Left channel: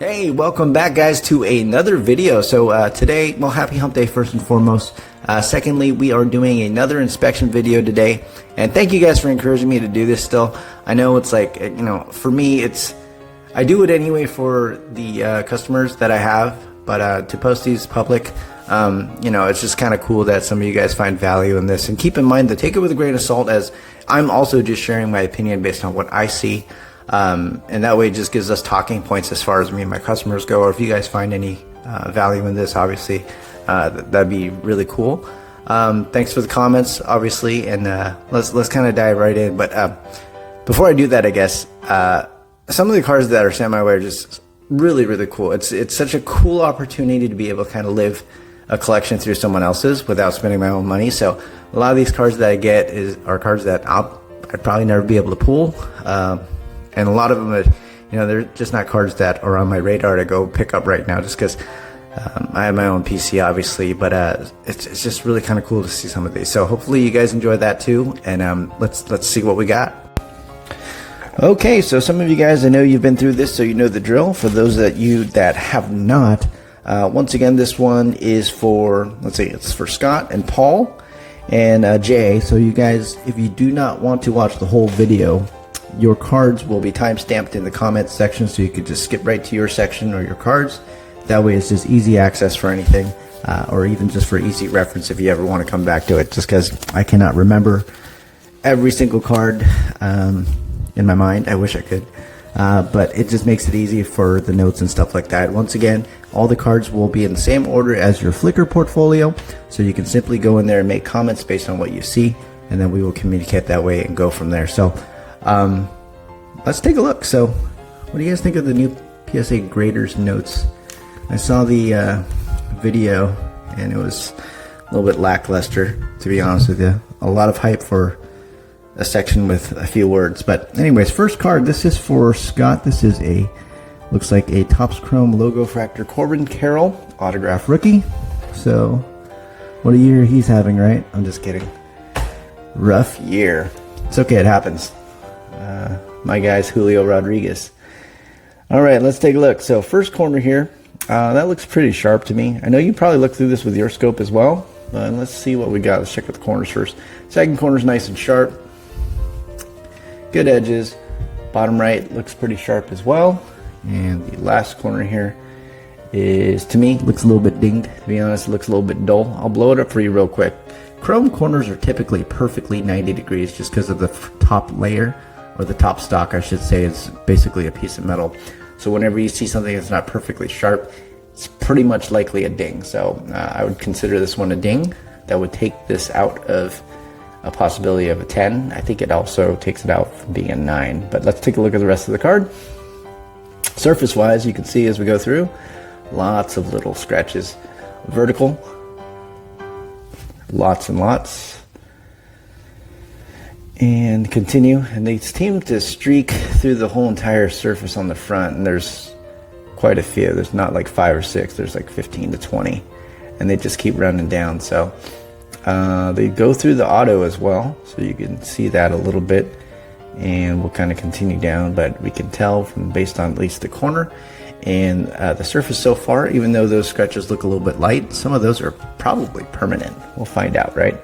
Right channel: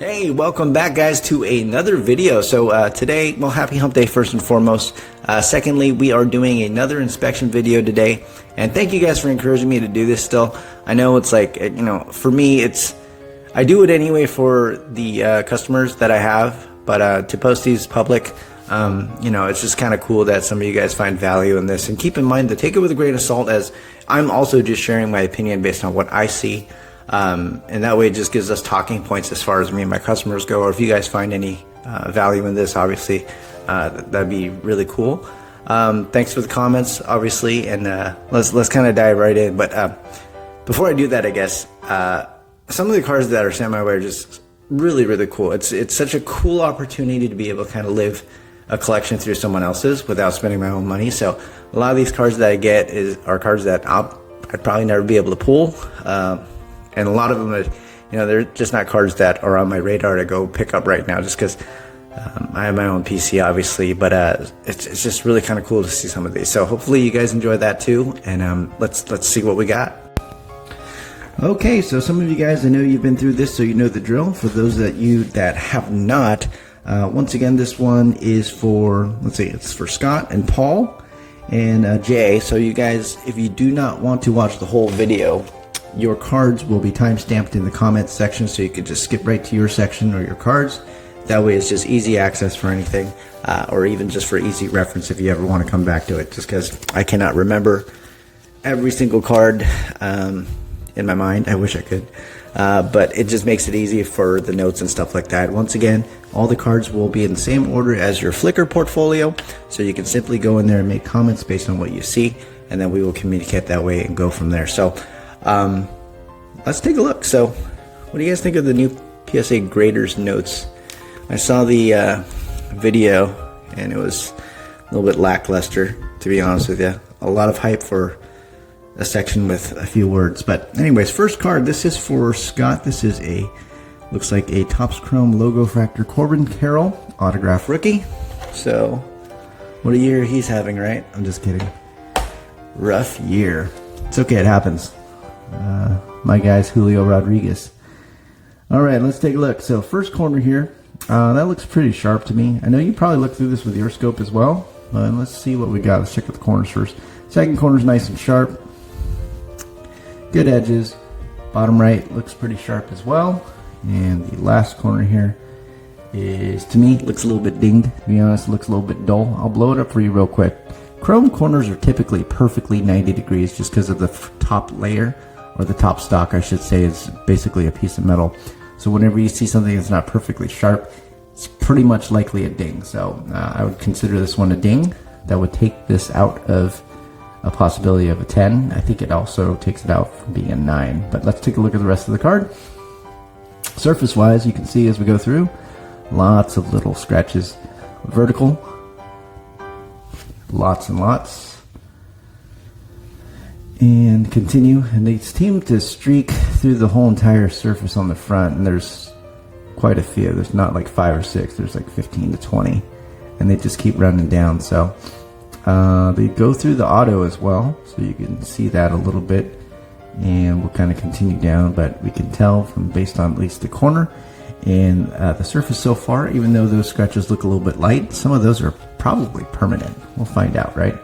Hey, welcome back guys to another video. So today, well, happy hump day first and foremost. Secondly, we are doing another inspection video today, and thank you guys for encouraging me to do this still. I know it's like, you know, for me, I do it anyway for the customers that I have, but to post these public, you know, it's just kind of cool that some of you guys find value in this. And keep in mind to take it with a grain of salt, as I'm also just sharing my opinion based on what I see. And that way it just gives us talking points as far as me and my customers go. Or if you guys find any value in this, obviously, that'd be really cool. Thanks for the comments, obviously, and let's kind of dive right in. But before I do that, I guess some of the cards that are sent my way are just really cool. It's such a cool opportunity to be able to kind of live a collection through someone else's without spending my own money. So a lot of these cards that I get are cards that I'd probably never be able to pull. And a lot of them are, you know, they're just not cards that are on my radar to go pick up right now, just because I have my own PC, obviously. But it's just really kind of cool to see some of these. So hopefully you guys enjoy that too. And let's see what we got. Okay, so some of you guys, I know you've been through this, so you know the drill. For those that have not, once again, this one is for, let's see, it's for Scott and Paul and Jay. So you guys, if you do not want to watch the whole video, your cards will be time-stamped in the comments section, so you can just skip right to your section or your cards. That way it's just easy access for anything, or even just for easy reference if you ever want to come back to it, just because I cannot remember every single card in my mind. I wish I could, but it just makes it easy for the notes and stuff like that. Once again, all the cards will be in the same order as your Flickr portfolio, so you can simply go in there and make comments based on what you see, and then we will communicate that way and go from there. So let's take a look. So what do you guys think of the new PSA graders notes? I saw the video and it was a little bit lackluster, to be honest with you. A lot of hype for a section with a few words. But anyways, first card, this is for Scott. This is looks like a Topps Chrome Logofractor Corbin Carroll autograph rookie. So what a year he's having, right? I'm just kidding. Rough year. It's okay, it happens. My guy's Julio Rodriguez. All right, let's take a look. So first corner here, that looks pretty sharp to me. I know you probably looked through this with your scope as well, but let's see what we got. Let's check out the corners first. Second corner's nice and sharp. Good edges. Bottom right looks pretty sharp as well. And the last corner here is, to me, looks a little bit dinged. To be honest, it looks a little bit dull. I'll blow it up for you real quick. Chrome corners are typically perfectly 90 degrees just because of the top layer, or the top stock, I should say, is basically a piece of metal. So whenever you see something that's not perfectly sharp, it's pretty much likely a ding. So I would consider this one a ding. That would take this out of a possibility of a 10. I think it also takes it out from being a 9. But let's take a look at the rest of the card. Surface-wise, you can see as we go through, lots of little scratches. Vertical, lots and lots. And continue, and they seem to streak through the whole entire surface on the front, and there's quite a few. There's not like 5 or 6, there's like 15 to 20, and they just keep running down. So they go through the auto as well, so you can see that a little bit, and we'll kind of continue down, but we can tell from based on at least the corner and the surface so far, even though those scratches look a little bit light, some of those are probably permanent. We'll find out, right?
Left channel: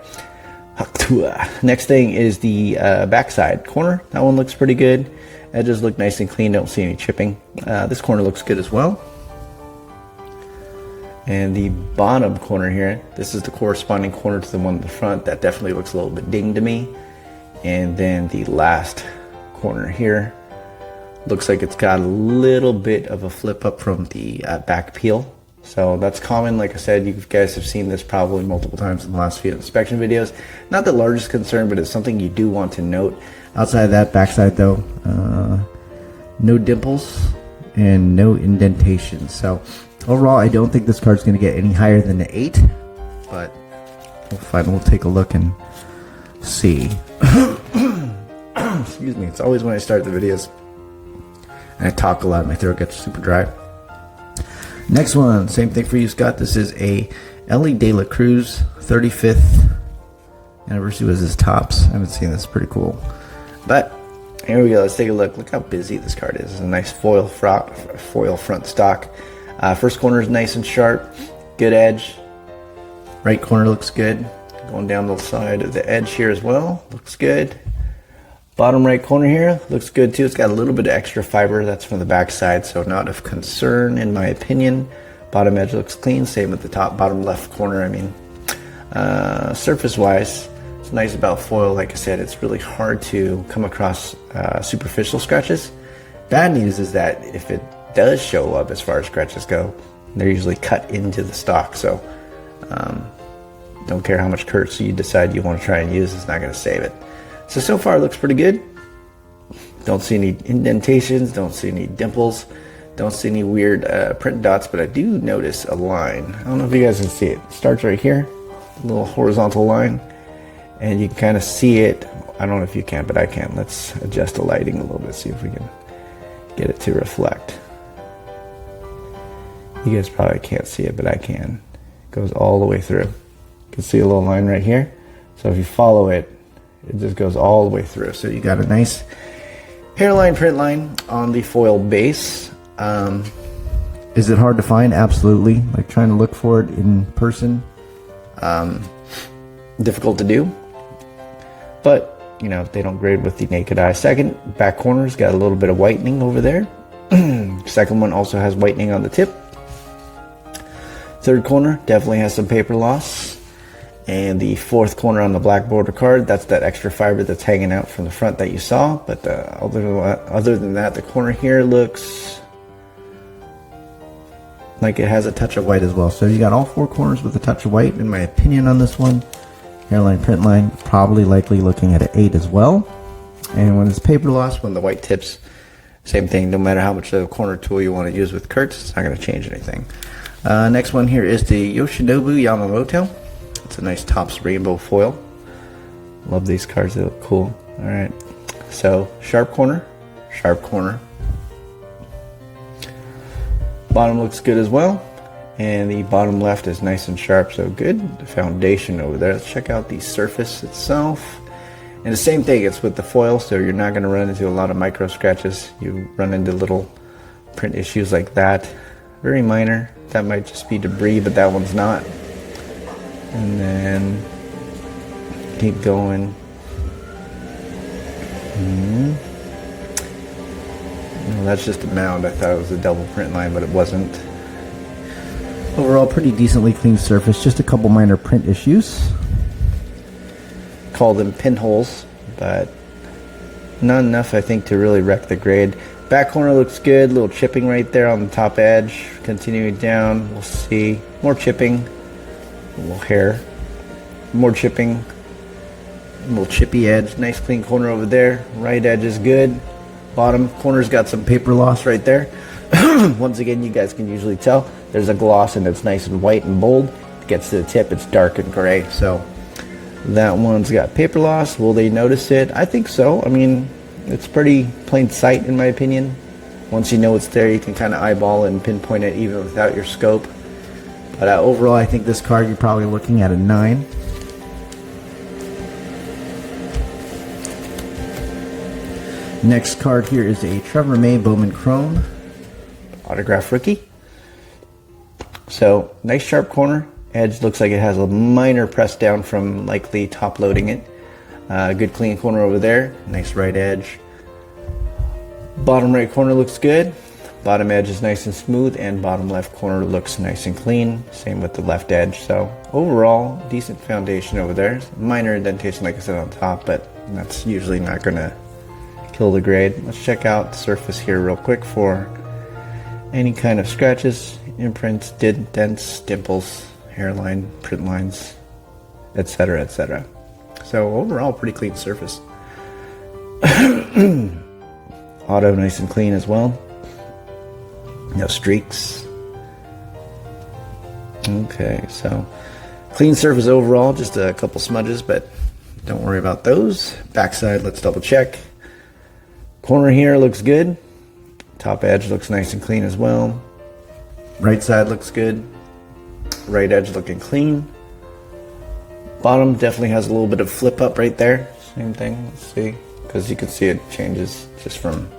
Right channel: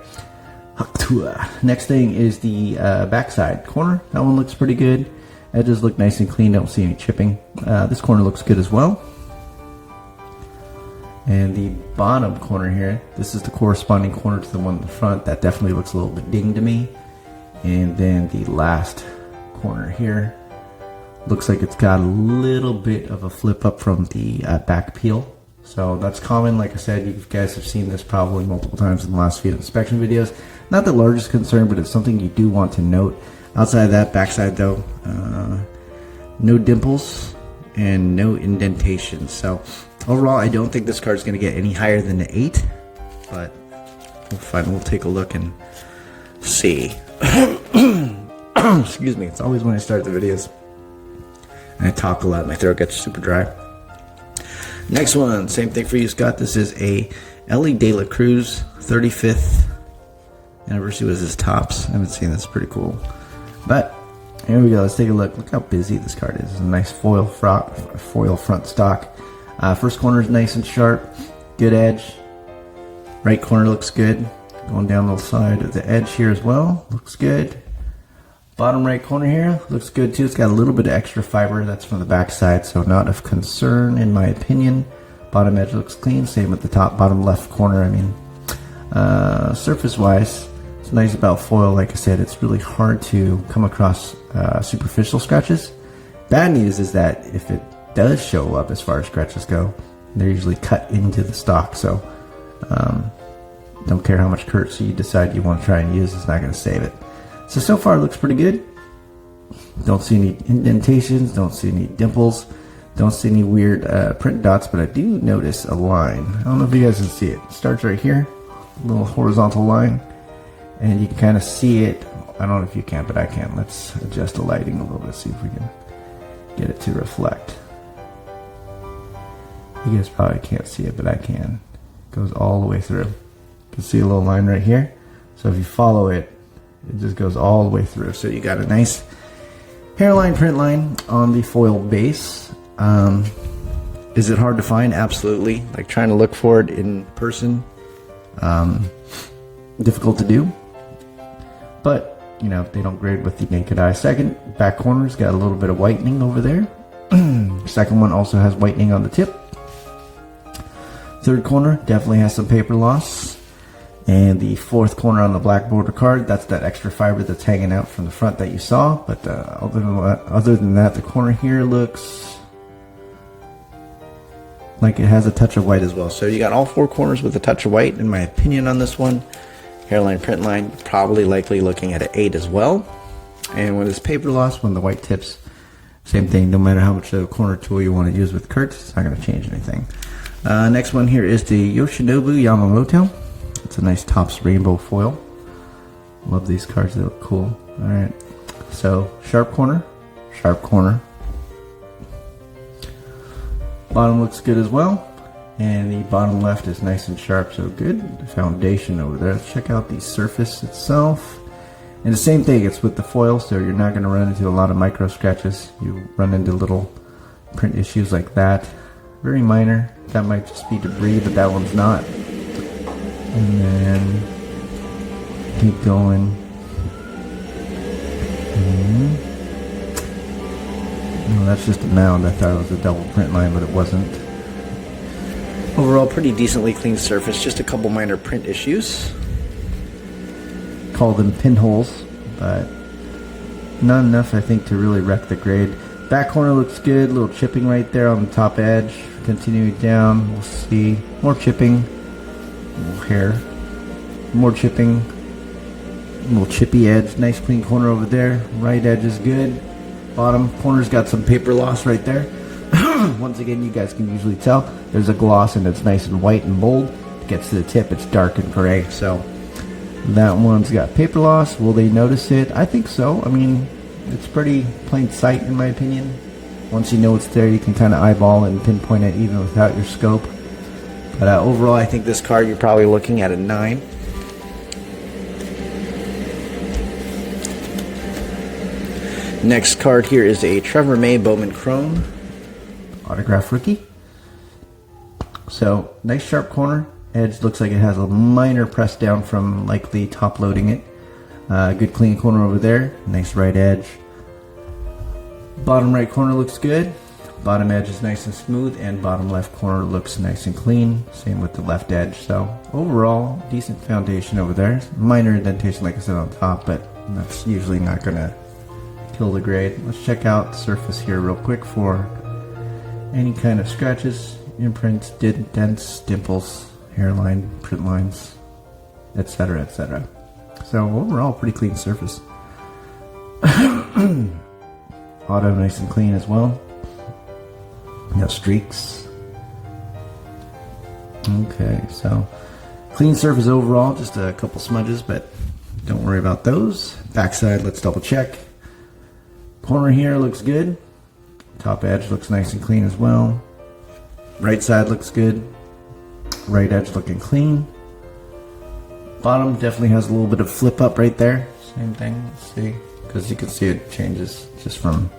Next thing is the backside corner. That one looks pretty good. Edges look nice and clean. Don't see any chipping. This corner looks good as well. And the bottom corner here, this is the corresponding corner to the one in the front. That definitely looks a little bit dinged to me. And then the last corner here looks like it's got a little bit of a flip up from the back peel. So that's common. Like I said, you guys have seen this probably multiple times in the last few inspection videos. Not the largest concern, but it's something you do want to note. Outside of that, backside though, no dimples and no indentations. So overall, I don't think this card's going to get any higher than an 8, but we'll take a look and see. Excuse me. It's always when I start the videos and I talk a lot, my throat gets super dry. Next one, same thing for you, Scott. This is a Elly de la Cruz 35th anniversary was his Topps. I haven't seen this. Pretty cool. But Here we go. Let's take a look. Look how busy this card is. It's a nice foil front stock. First corner is nice and sharp. Good edge. Right corner looks good. Going down the side of the edge here as well. Looks good. Bottom right corner here looks good too. It's got a little bit of extra fiber. That's from the back side, so not of concern in my opinion. Bottom edge looks clean. Same with the top bottom left corner. I mean, surface wise, it's nice about foil. Like I said, it's really hard to come across superficial scratches. Bad news is that if it does show up as far as scratches go, they're usually cut into the stock. So don't care how much courtesy you decide you want to try and use, it's not going to save it. So far it looks pretty good. Don't see any indentations, don't see any dimples, don't see any weird print dots, but I do notice a line. I don't know if you guys can see it. It starts right here, a little horizontal line, and you can kind of see it. I don't know if you can, but I can. Let's adjust the lighting a little bit, see if we can get it to reflect. You guys probably can't see it, but I can. It goes all the way through. You can see a little line right here. So if you follow it, it just goes all the way through. So you got a nice hairline print line on the foil base. Is it hard to find? Absolutely. Like trying to look for it in person, difficult to do. But you know, they don't grade with the naked eye. Second back corner's got a little bit of whitening over there. Second one also has whitening on the tip. Third corner definitely has some paper loss. And the fourth corner on the black border card, that's that extra fiber that's hanging out from the front that you saw. But other than that, the corner here looks like it has a touch of white as well. So you got all four corners with a touch of white, in my opinion, on this one. Hairline print line, probably likely looking at an 8 as well. And when it's paper loss, when the white tips, same thing. No matter how much of a corner tool you want to use with Kurtz, it's not going to change anything. Next one here is the Yoshinobu Yamamoto. It's a nice Topps rainbow foil. Love these cards, they look cool. Alright, so sharp corner. Bottom looks good as well. And the bottom left is nice and sharp, so good foundation over there. Let's check out the surface itself. And the same thing, it's with the foil, so you're not going to run into a lot of micro scratches. You run into little print issues like that. Very minor. That might just be debris, but that one's not. And then keep going. No, that's just a mound. I thought it was a double print line, but it wasn't. Overall, pretty decently clean surface. Just a couple minor print issues. Call them pinholes, but not enough, I think, to really wreck the grade. Back corner looks good. A little chipping right there on the top edge. Continuing down, we'll see more chipping. Hair, more chipping, a little chippy edge, nice clean corner over there. Right edge is good. Bottom corner's got some paper loss right there. Once again, you guys can usually tell there's a gloss and it's nice and white and bold. It gets to the tip, it's dark and gray. So that one's got paper loss. Will they notice it? I think so. I mean, it's pretty plain sight in my opinion. Once you know it's there, you can kind of eyeball and pinpoint it even without your scope. But overall, I think this card, you're probably looking at a 9. Next card here is a Trevor Bowman Chrome autograph rookie. So nice sharp corner. Edge looks like it has a minor press down from likely top loading it. Good clean corner over there. Nice right edge. Bottom right corner looks good. Bottom edge is nice and smooth, and bottom left corner looks nice and clean. Same with the left edge. So overall, decent foundation over there. Minor indentation, like I said, on top, but that's usually not going to kill the grade. Let's check out the surface here real quick for any kind of scratches, imprints, dents, dimples, hairline, print lines, etc., etc. So overall, pretty clean surface. Auto nice and clean as well. No streaks. Okay, so clean surface overall, just a couple smudges, but don't worry about those. Backside, let's double check. Corner here looks good. Top edge looks nice and clean as well. Right side looks good. Right edge looking clean. Bottom definitely has a little bit of flip up right there. Same thing, let's see. because you can see it changes just from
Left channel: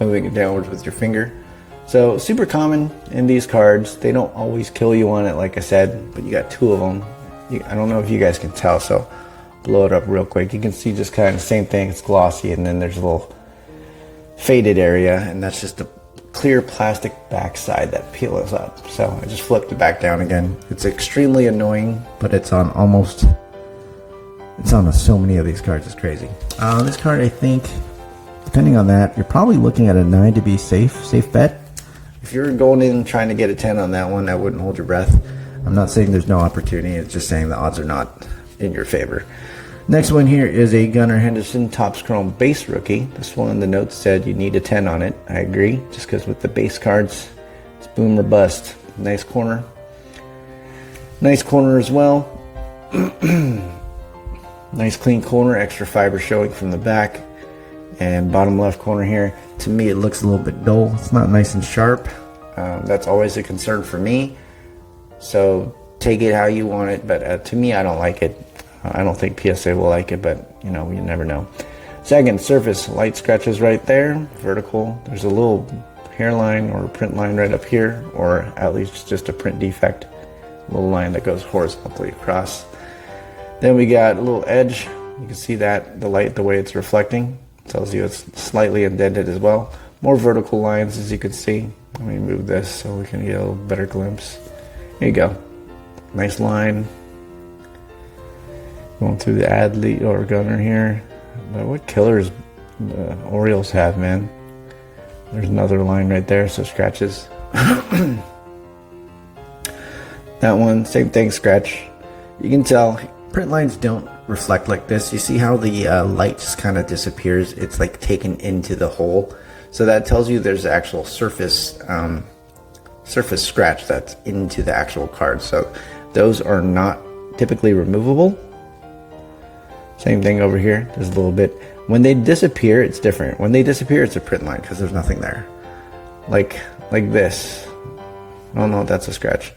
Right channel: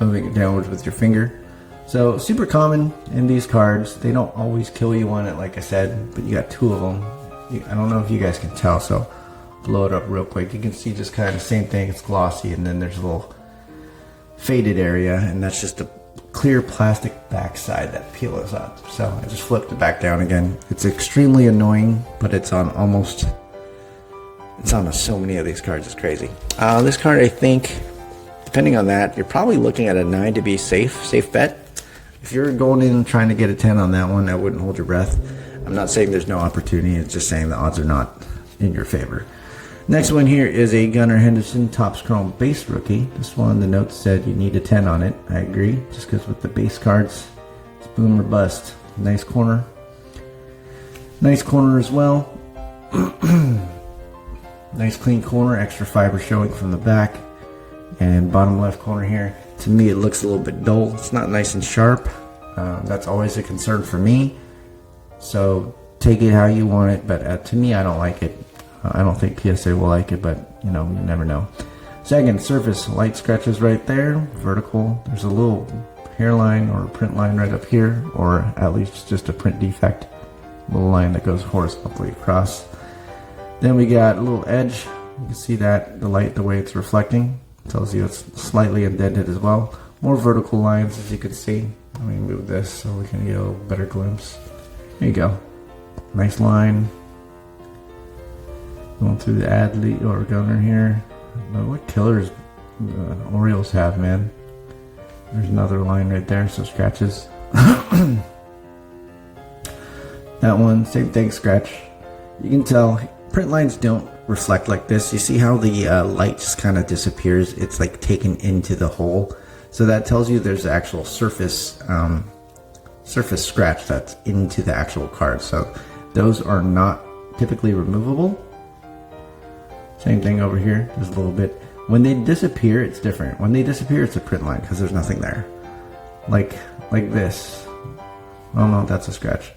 moving it downwards with your finger. So super common in these cards. They don't always kill you on it, like I said, but you got two of them. I don't know if you guys can tell, so blow it up real quick. You can see just kind of the same thing. It's glossy, and then there's a little faded area, and that's just a clear plastic backside that peels up. So I just flipped it back down again. It's extremely annoying, but it's on so many of these cards. It's crazy. This card, I think, depending on that, you're probably looking at a 9 to be safe bet. If you're going in trying to get a 10 on that one, I wouldn't hold your breath. I'm not saying there's no opportunity. It's just saying the odds are not in your favor. Next one here is a Gunnar Henderson Topps Chrome base rookie. This one, the note said you need a 10 on it. I agree, just because with the base cards, it's boom or bust. Nice corner. Nice corner as well. Nice clean corner, extra fiber showing from the back. And bottom left corner here, to me it looks a little bit dull. It's not nice and sharp. That's always a concern for me. So take it how you want it, but to me I don't like it. I don't think PSA will like it, but you know, you never know. Second, surface, light scratches right there, vertical. There's a little hairline or print line right up here, or at least just a print defect. A little line that goes horizontally across. Then we got a little edge. You can see that, the light, the way it's reflecting, tells you it's slightly indented as well. More vertical lines, as you can see. Let me move this so we can get a little better glimpse. Here you go. Nice line. Going through the Adley or Gunnar here. But what killers the Orioles have, man. There's another line right there, so scratches. That one, same thing, scratch. You can tell print lines don't reflect like this. You see how the light just kind of disappears? It's like taken into the hole. So that tells you there's actual surface scratch that's into the actual card. So those are not typically removable. Same thing over here. There's a little bit. When they disappear, it's different. When they disappear, it's a print line because there's nothing there. Like this. Oh no, that's a scratch.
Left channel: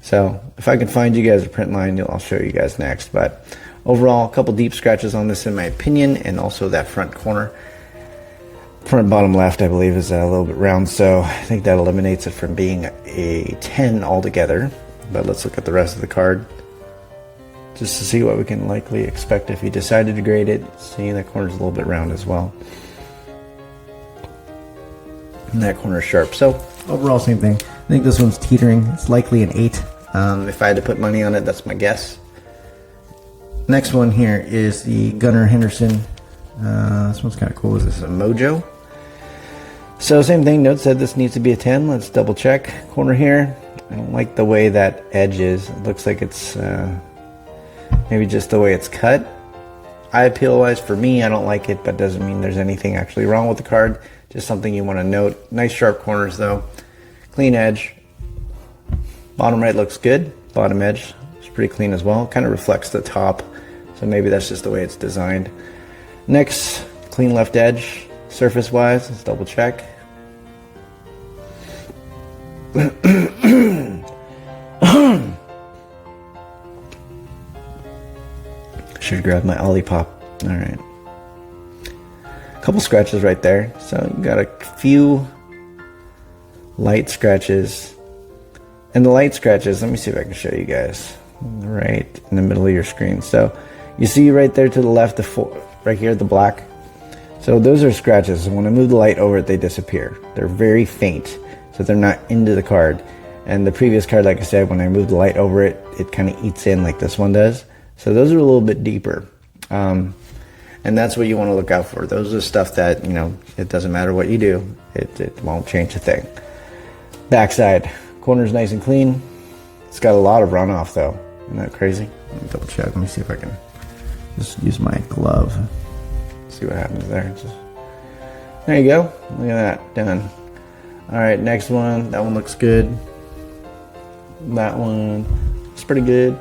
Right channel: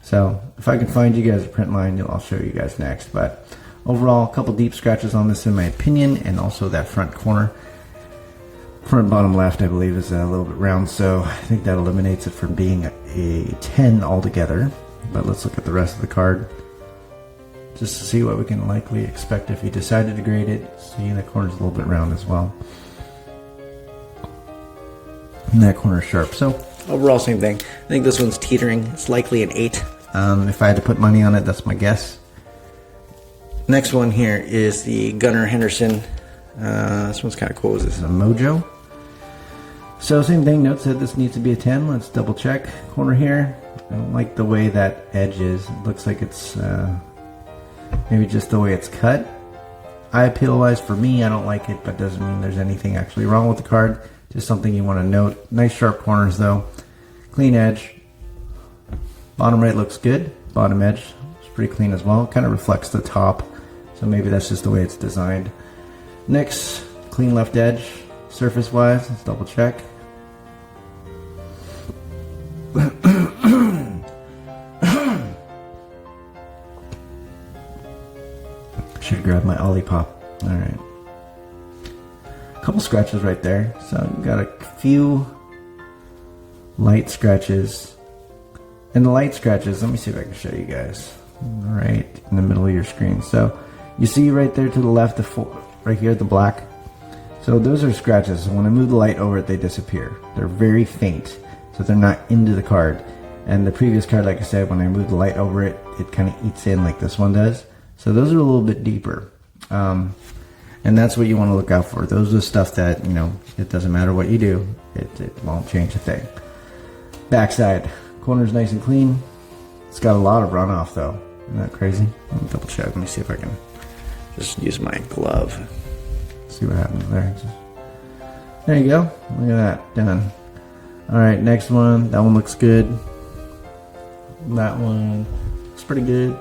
So if I can find you guys a print line, I'll show you guys next. But overall, a couple deep scratches on this in my opinion, and also that front corner. Front bottom left, I believe, is a little bit round, so I think that eliminates it from being a 10 altogether. But let's look at the rest of the card, just to see what we can likely expect if he decided to grade it. Seeing that corner's a little bit round as well. And that corner is sharp. So overall, same thing. I think this one's teetering. It's likely an 8. If I had to put money on it, that's my guess. Next one here is the Gunnar Henderson. This one's kind of cool. This is a Mojo. So same thing, note said this needs to be a 10. Let's double check. Corner here. I don't like the way that edge is. It looks like it's maybe just the way it's cut. Eye appeal wise, for me, I don't like it, but doesn't mean there's anything actually wrong with the card. Just something you want to note. Nice sharp corners though. Clean edge. Bottom right looks good. Bottom edge is pretty clean as well. Kind of reflects the top. So maybe that's just the way it's designed. Next, clean left edge. Surface wise, let's double check. Should grab my Olipop. Alright. Couple scratches right there. So you got a few light scratches. And the light scratches, let me see if I can show you guys. Right in the middle of your screen. So you see right there to the left, right here, the black. So those are scratches. When I move the light over it, they disappear. They're very faint, so they're not into the card. And the previous card, like I said, when I move the light over it, it kind of eats in like this one does. So those are a little bit deeper. And that's what you want to look out for. Those are stuff that, you know, it doesn't matter what you do, it won't change a thing. Backside, corner's nice and clean. It's got a lot of runoff though. Isn't that crazy? Let me double check. Let me see if I can just use my glove. See what happens there. There you go. Look at that. Done. Alright, next one. That one looks good. That one is pretty good.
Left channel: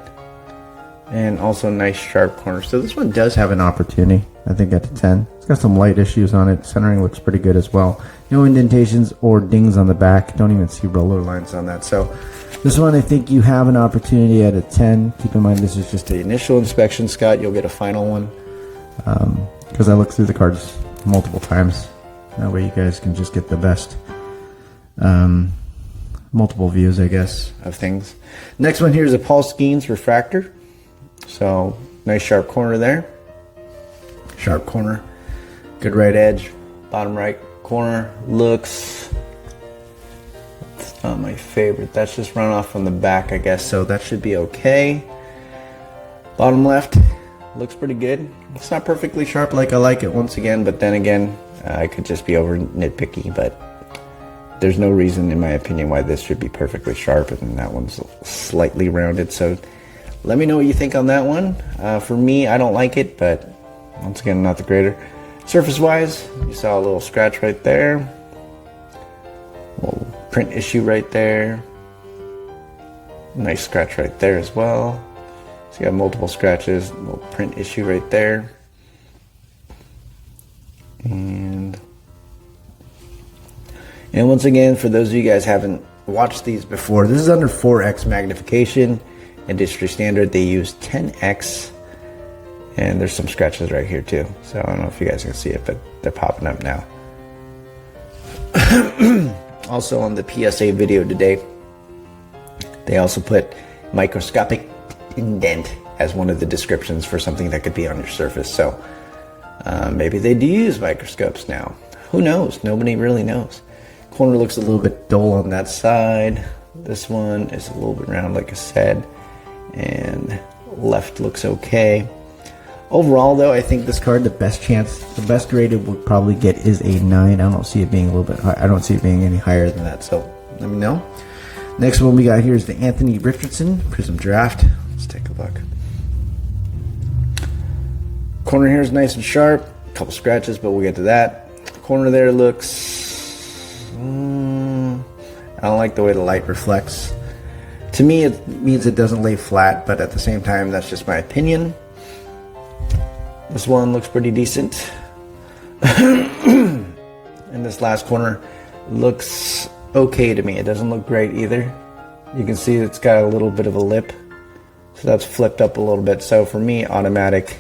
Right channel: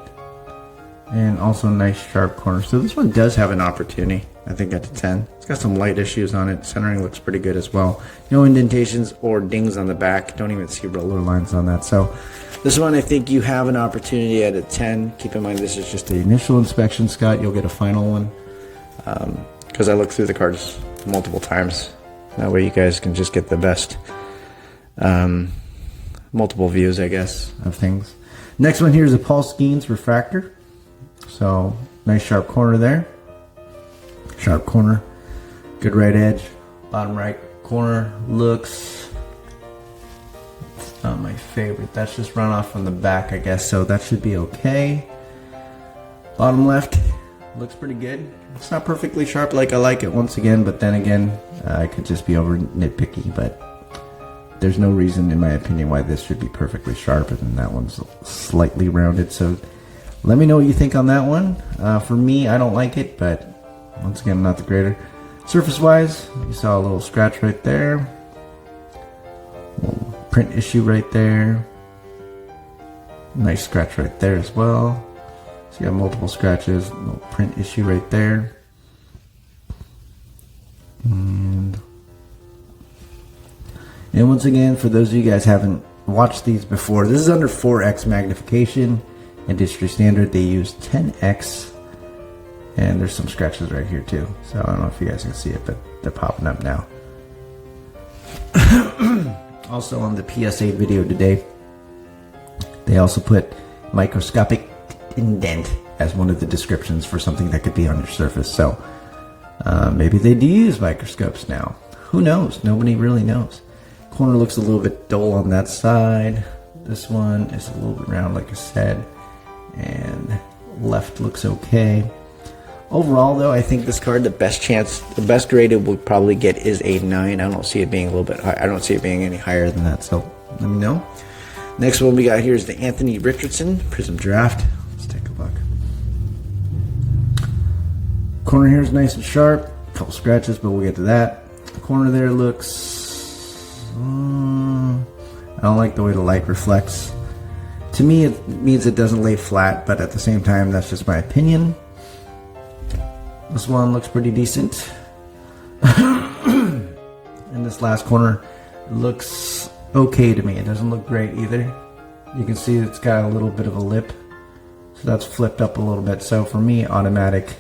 And also a nice sharp corner. So this one does have an opportunity, I think, at the 10. It's got some light issues on it. Centering looks pretty good as well. No indentations or dings on the back. Don't even see roller lines on that. So this one, I think you have an opportunity at a 10. Keep in mind, this is just the initial inspection, Scott. You'll get a final one. because I looked through the cards multiple times. That way you guys can just get the best multiple views, I guess, of things. Next one here is a Skenes Refractor. So nice sharp corner there. Sharp corner. Good right edge. Bottom right corner looks, it's not my favorite. That's just run off from the back, I guess. So that should be okay. Bottom left looks pretty good. It's not perfectly sharp like I like it once again, but then again, I could just be over nitpicky, but there's no reason in my opinion why this should be perfectly sharp and that one's slightly rounded. So let me know what you think on that one. For me, I don't like it, but once again, I'm not the grader. Surface wise, you saw a little scratch right there. A little print issue right there. Nice scratch right there as well. So you got multiple scratches, a little print issue right there. And once again, for those of you guys haven't watched these before, this is under 4x magnification. Industry standard, they use 10x. And there's some scratches right here too. So I don't know if you guys can see it, but they're popping up now. Also on the PSA video today, they also put microscopic indent as one of the descriptions for something that could be on your surface. So maybe they do use microscopes now. Who knows? Nobody really knows. Corner looks a little bit dull on that side. This one is a little bit round, like I said. And left looks okay. Overall, though, I think this card, the best grade it would probably get is a 9. I don't see it being a little bit high. I don't see it being any higher than that, so let me know. Next one we got here is the Anthony Richardson Prizm Draft. Let's take a look. Corner here is nice and sharp. A couple scratches, but we'll get to that. Corner there looks... I don't like the way the light reflects. To me, it means it doesn't lay flat, but at the same time, that's just my opinion. This one looks pretty decent. And this last corner looks okay to me. It doesn't look great either. You can see it's got a little bit of a lip. So that's flipped up a little bit. So for me, automatic,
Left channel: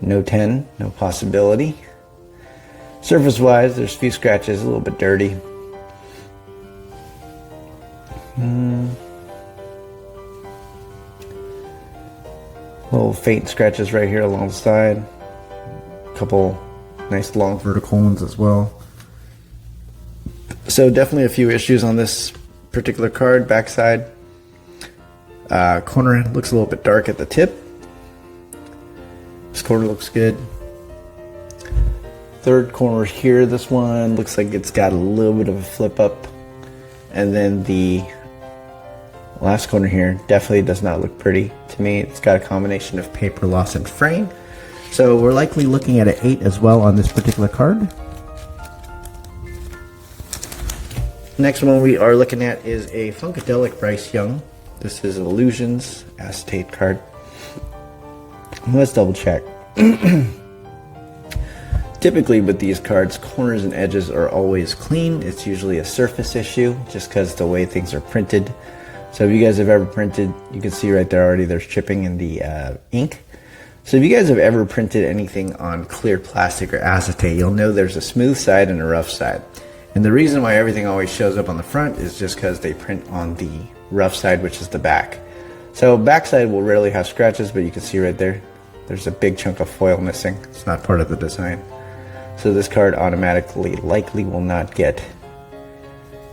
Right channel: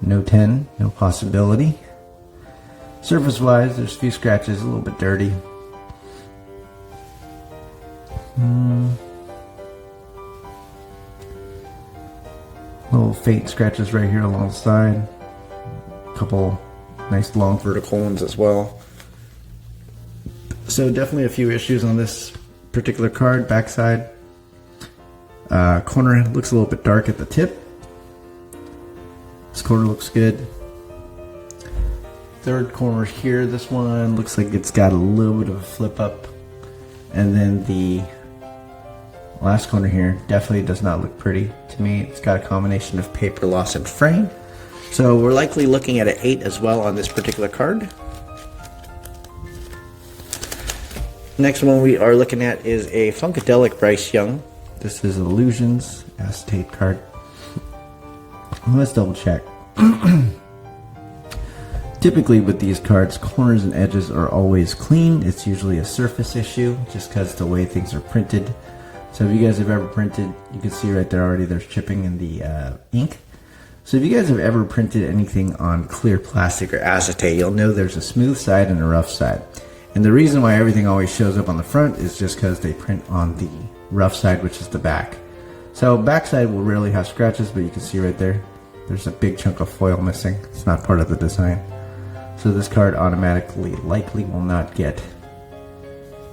no 10, no possibility. Surface wise, there's a few scratches, a little bit dirty. Little faint scratches right here along the side. A couple nice long vertical ones as well. So definitely a few issues on this particular card. Backside. Corner looks a little bit dark at the tip. This corner looks good. Third corner here, this one looks like it's got a little bit of a flip up. And then the last corner here definitely does not look pretty to me. It's got a combination of paper loss and fraying. So we're likely looking at an 8 as well on this particular card. Next one we are looking at is a Funkadelic Bryce Young. This is Illusions acetate card. Let's double check. Typically with these cards, corners and edges are always clean. It's usually a surface issue just because the way things are printed. So if you guys have ever printed, you can see right there already there's chipping in the ink. So if you guys have ever printed anything on clear plastic or acetate, you'll know there's a smooth side and a rough side. And the reason why everything always shows up on the front is just because they print on the rough side, which is the back. So backside will rarely have scratches, but you can see right there, there's a big chunk of foil missing. It's not part of the design. So this card automatically likely will not get.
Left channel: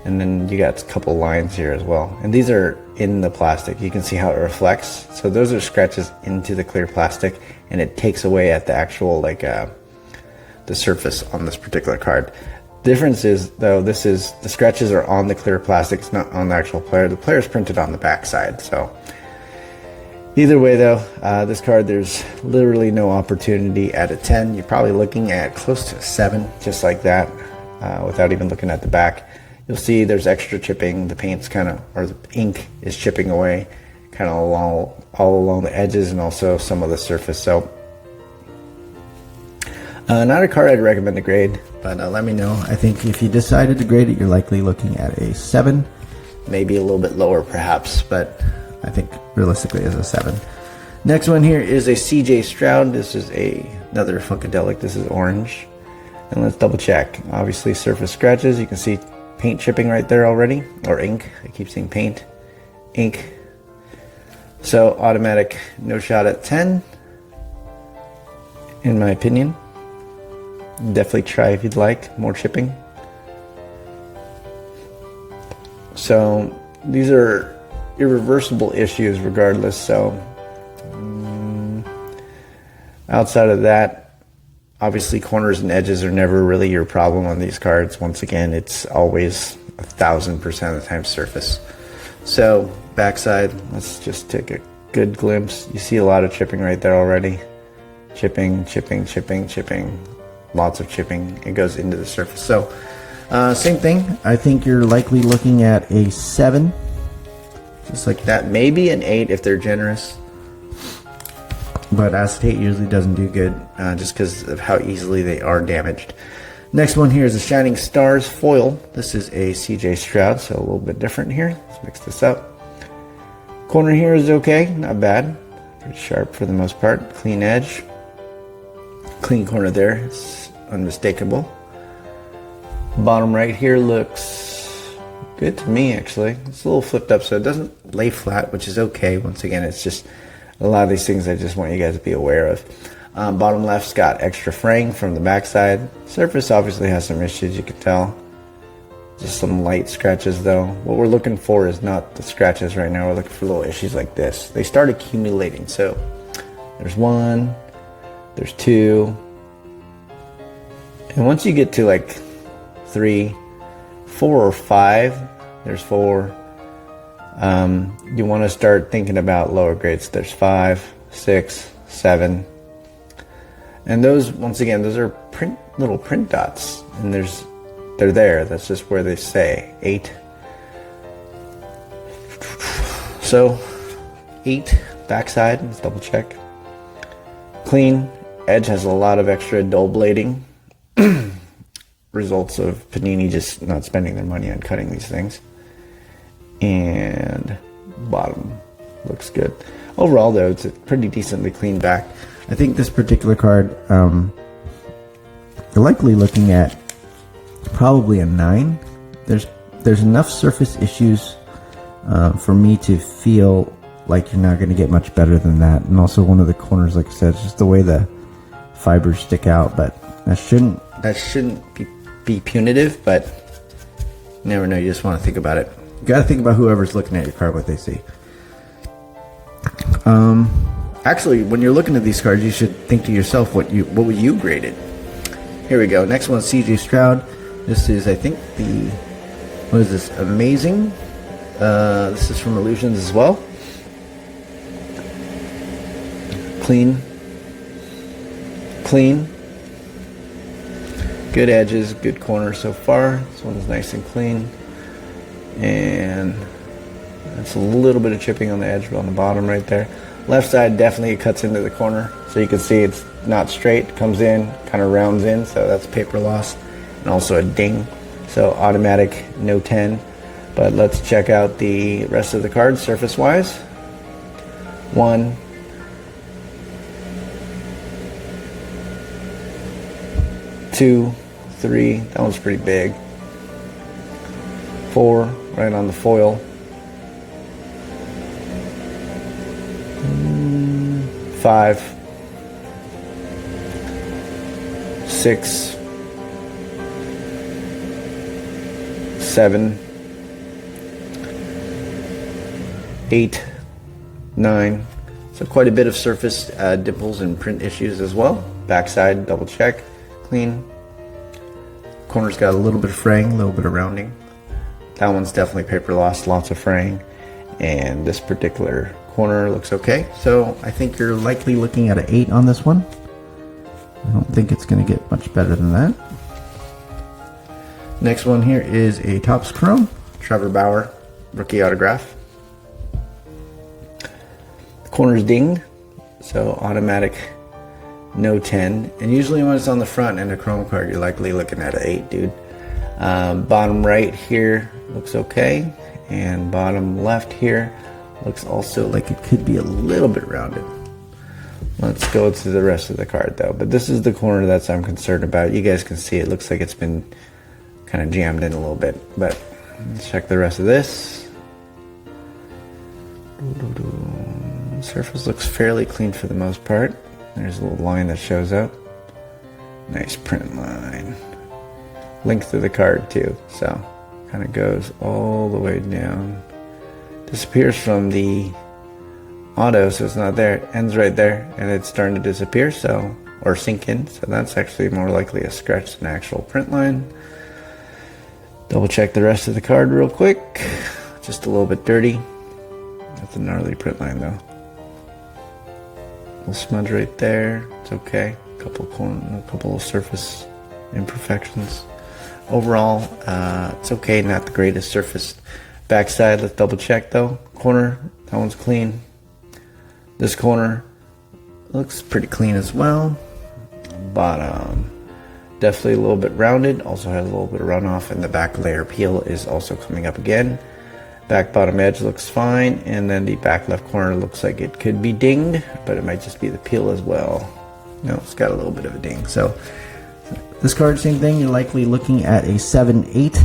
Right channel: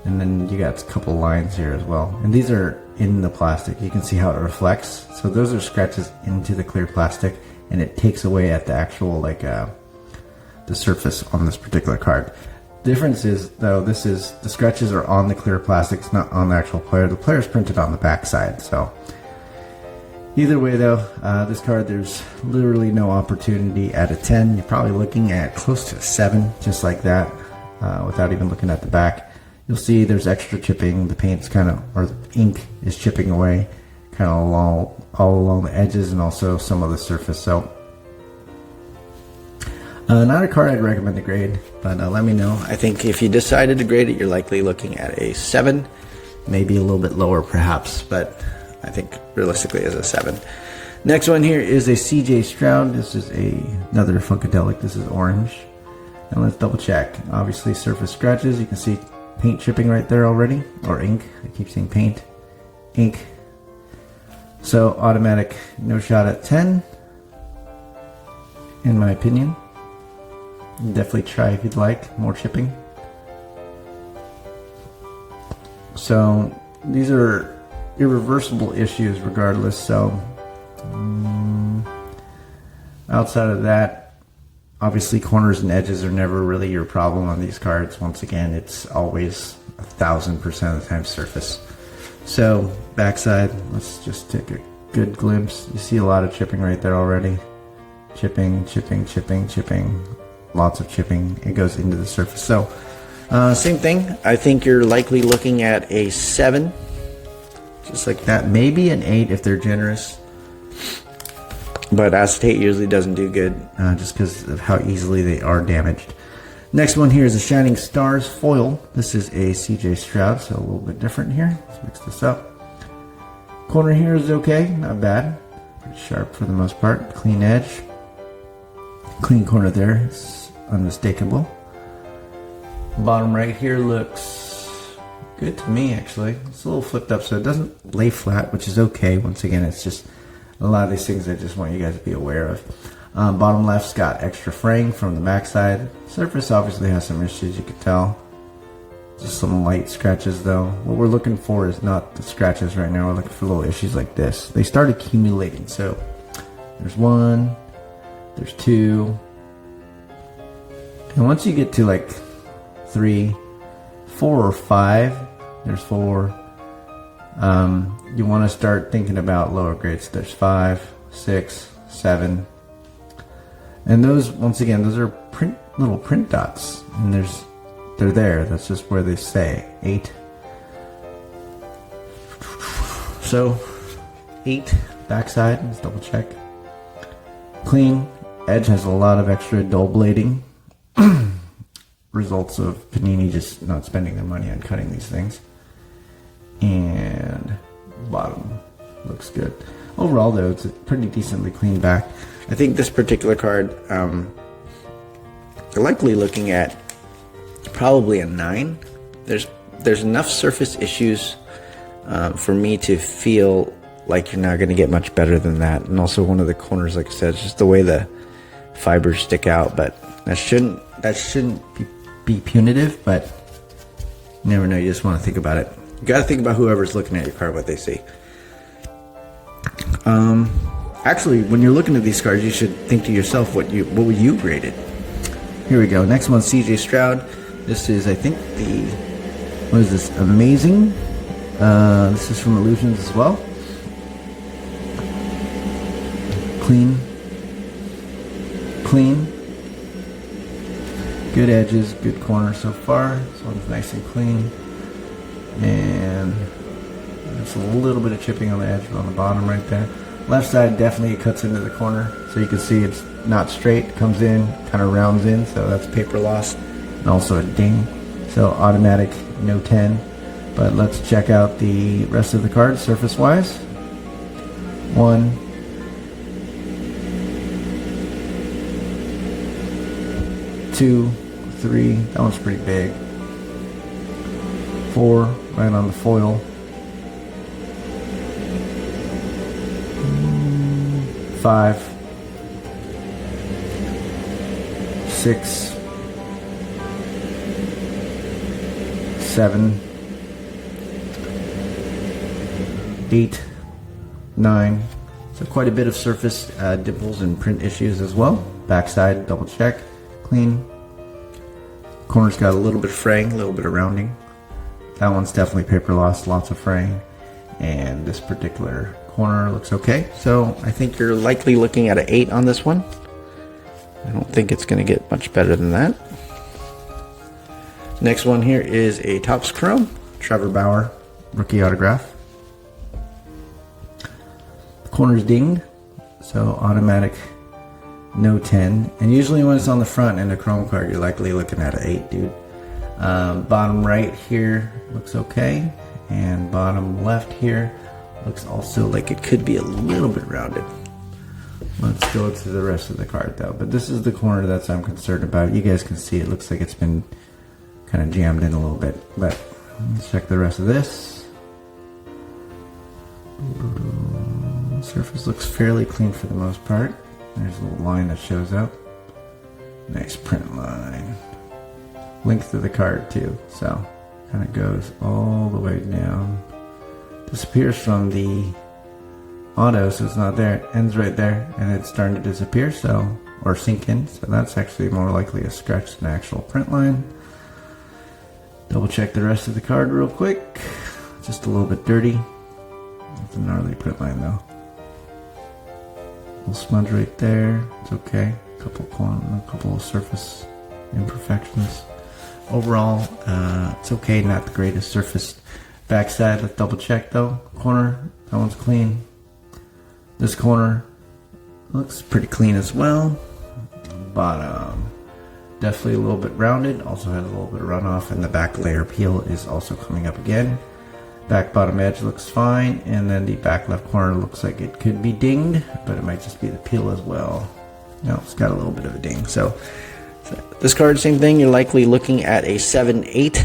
And then you got a couple lines here as well. And these are in the plastic. You can see how it reflects. So those are scratches into the clear plastic, and it takes away at the actual the surface on this particular card. Difference is though, this is the scratches are on the clear plastic, it's not on the actual player. The player is printed on the back side. So either way though, this card, there's literally no opportunity at a 10. You're probably looking at close to a 7, just like that, without even looking at the back. You'll see there's extra chipping. The paint's kind of, or the ink is chipping away kind of all along the edges and also some of the surface. So not a card I'd recommend to grade, but let me know. I think if you decided to grade it, you're likely looking at a 7, maybe a little bit lower perhaps, but I think realistically as a 7. Next one here is a CJ Stroud. This is another Funkadelic. This is orange. And let's double check. Obviously surface scratches. You can see paint chipping right there already. Or ink. I keep saying paint. Ink. So automatic no shot at 10. In my opinion. Definitely try if you'd like. More chipping. So these are irreversible issues regardless. So outside of that, obviously corners and edges are never really your problem on these cards. Once again, it's always 1000% of the time surface. So backside, let's just take a good glimpse. You see a lot of chipping right there already. Chipping, chipping, chipping, chipping. Lots of chipping. It goes into the surface. So same thing. I think you're likely looking at a 7. Just like that. Maybe an 8 if they're generous. But acetate usually doesn't do good just because of how easily they are damaged. Next one here is a Shining Stars foil. This is a CJ Stroud, so a little bit different here. Let's mix this up. Corner here is okay, not bad. Pretty sharp for the most part. Clean edge. Clean corner there, it's unmistakable. Bottom right here looks good to me actually. It's a little flipped up so it doesn't lay flat, which is okay. Once again, it's just a lot of these things I just want you guys to be aware of. Bottom left's got extra fraying from the backside. Surface obviously has some issues, you can tell. Just some light scratches though. What we're looking for is not the scratches right now. We're looking for little issues like this. They start accumulating. So there's 1, there's 2. And once you get to like 3, 4 or 5, there's 4. You want to start thinking about lower grades. There's 5, 6, 7. And those, once again, those are little print dots. And they're there. That's just where they say 8. So 8 backside. Let's double check. Clean. Edge has a lot of extra dull blading. Results of Panini just not spending their money on cutting these things. And bottom looks good. Overall though, it's a pretty decently clean back. I think this particular card, you're likely looking at probably a 9. There's enough surface issues for me to feel like you're not going to get much better than that. And also one of the corners, like I said, it's just the way the fibers stick out. But that shouldn't be punitive, but you never know. You just want to think about it. You got to think about whoever's looking at your card, what they see. Actually, when you're looking at these cards, you should think to yourself, what would you grade it? Here we go. Next one, CJ Stroud. This is, I think, what is this? Amazing. This is from Illusions as well. Clean. Good edges, good corners so far. This one's nice and clean. And it's a little bit of chipping on the edge, but on the bottom right there. Left side definitely it cuts into the corner, so you can see it's not straight, comes in, kind of rounds in, so that's paper loss, and also a ding. So automatic, no 10. But let's check out the rest of the cards surface wise. 1, 2, 3, that one's pretty big. 4, right on the foil. 5, 6, 7, 8, 9. So quite a bit of surface dimples and print issues as well. Backside, double check, clean. Corner's got a little bit of fraying, a little bit of rounding. That one's definitely paper loss, lots of fraying. And this particular corner looks okay. So I think you're likely looking at an 8 on this one. I don't think it's going to get much better than that. Next one here is a Topps Chrome, Trevor Bauer, rookie autograph. The corner's dinged, so automatic, no 10. And usually when it's on the front in a Chrome card, you're likely looking at an 8, dude. Bottom right here looks okay, and bottom left here looks also like it could be a little bit rounded. Let's go to the rest of the card though. But this is the corner that I'm concerned about. You guys can see it looks like it's been kind of jammed in a little bit. But let's check the rest of this. Surface looks fairly clean for the most part. There's a little line that shows up. Nice print line. Length of the card too. So kind of goes all the way down. Disappears from the auto, so it's not there. Ends right there, and it's starting to disappear, so, or sink in. So that's actually more likely a scratch than an actual print line. Double check the rest of the card real quick. Just a little bit dirty. That's a gnarly print line though. Little smudge right there. It's okay. A couple of surface imperfections. Overall, it's okay. Not the greatest surface. Backside, let's double check though. Corner, that one's clean. This corner looks pretty clean as well. Bottom, definitely a little bit rounded. Also has a little bit of runoff, and the back layer peel is also coming up again. Back bottom edge looks fine, and then the back left corner looks like it could be dinged, but it might just be the peel as well. No, it's got a little bit of a ding. So this card, same thing. You're likely looking at a 7/8.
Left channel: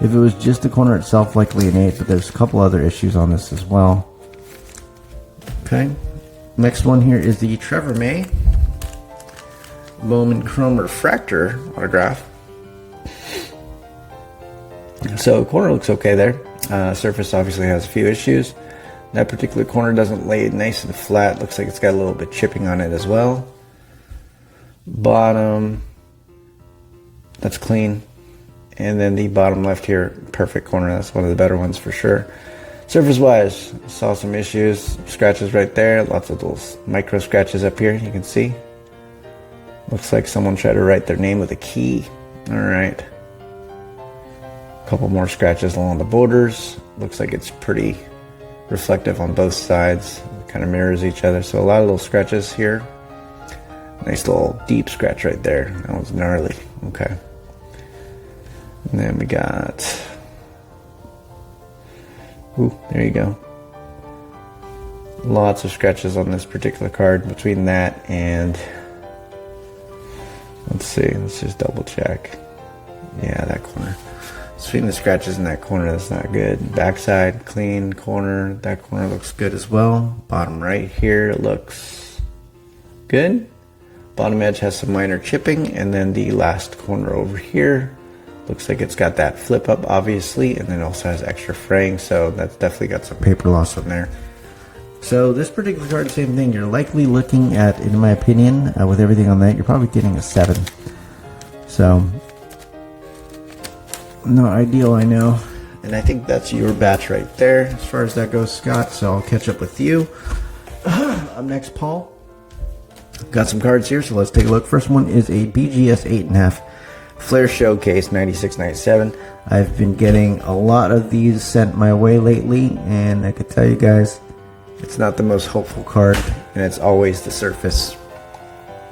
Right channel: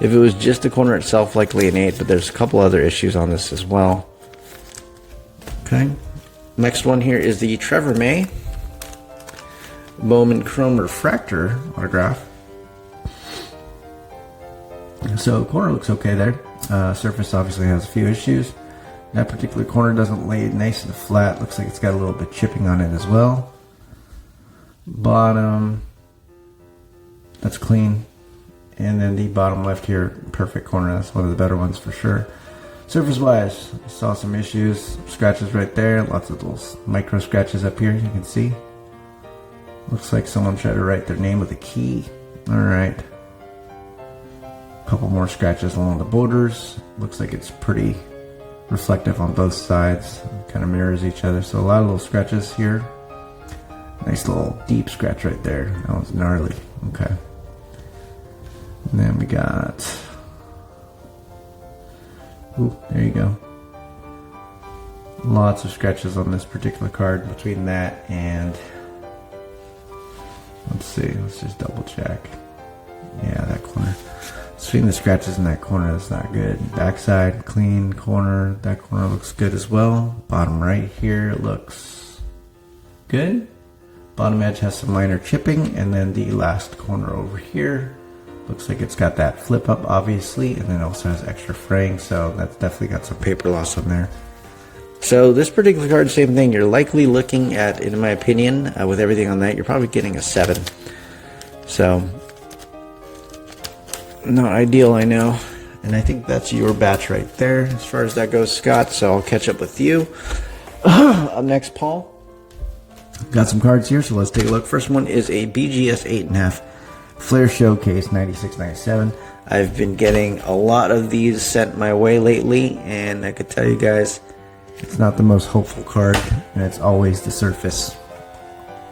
If it was just the corner itself, likely an 8, but there's a couple other issues on this as well. Okay, next one here is the Trevor May Bowman Chrome Refractor autograph. So corner looks okay there. Surface obviously has a few issues. That particular corner doesn't lay nice and flat. Looks like it's got a little bit chipping on it as well. Bottom, that's clean. And then the bottom left here, perfect corner. That's one of the better ones for sure. Surface wise, saw some issues, scratches right there, lots of those micro scratches up here, you can see. Looks like someone tried to write their name with a key. All right. Couple more scratches along the borders. Looks like it's pretty reflective on both sides, kind of mirrors each other. So a lot of little scratches here. Nice little deep scratch right there. That one's gnarly. Okay. And then we got, ooh, there you go. Lots of scratches on this particular card between that and, let's see, let's just double check. Yeah, that corner. Between the scratches in that corner, that's not good. Backside, clean. Corner, that corner looks good as well. Bottom right here looks good. Bottom edge has some minor chipping, and then the last corner over here looks like it's got that flip up, obviously, and then also has extra fraying, so that's definitely got some paper loss on there. So this particular card, same thing. You're likely looking at, in my opinion, with everything on that, you're probably getting a 7. So not ideal, I know. And I think that's your batch right there as far as that goes, Scott. So I'll catch up with you. Up next, Paul. Got some cards here, so let's take a look. First one is a BGS 8.5 Flair Showcase 96-97. I've been getting a lot of these sent my way lately, and I could tell you guys, it's not the most hopeful card, and it's always the surface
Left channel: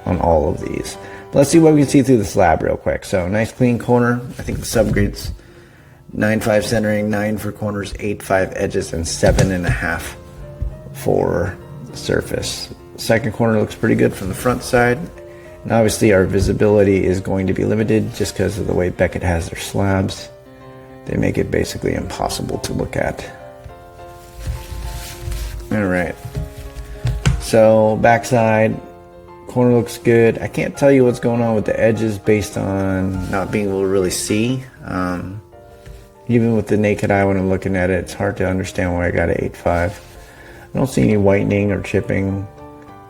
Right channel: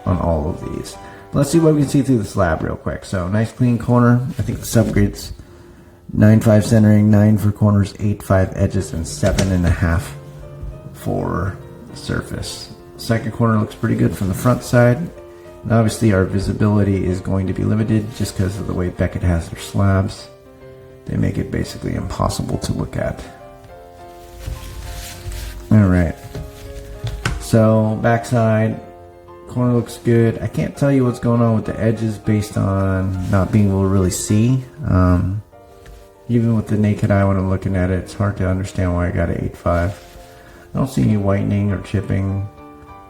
on all of these. Let's see what we can see through the slab real quick. So nice clean corner. I think the subgrades 9.5 centering, 9 for corners, 8.5 edges, and 7.5 for the surface. Second corner looks pretty good from the front side. And obviously our visibility is going to be limited just because of the way Beckett has their slabs. They make it basically impossible to look at. Alright. So backside, corner looks good. I can't tell you what's going on with the edges based on not being able to really see. Even with the naked eye when I'm looking at it, it's hard to understand why I got an 8.5. I don't see any whitening or chipping.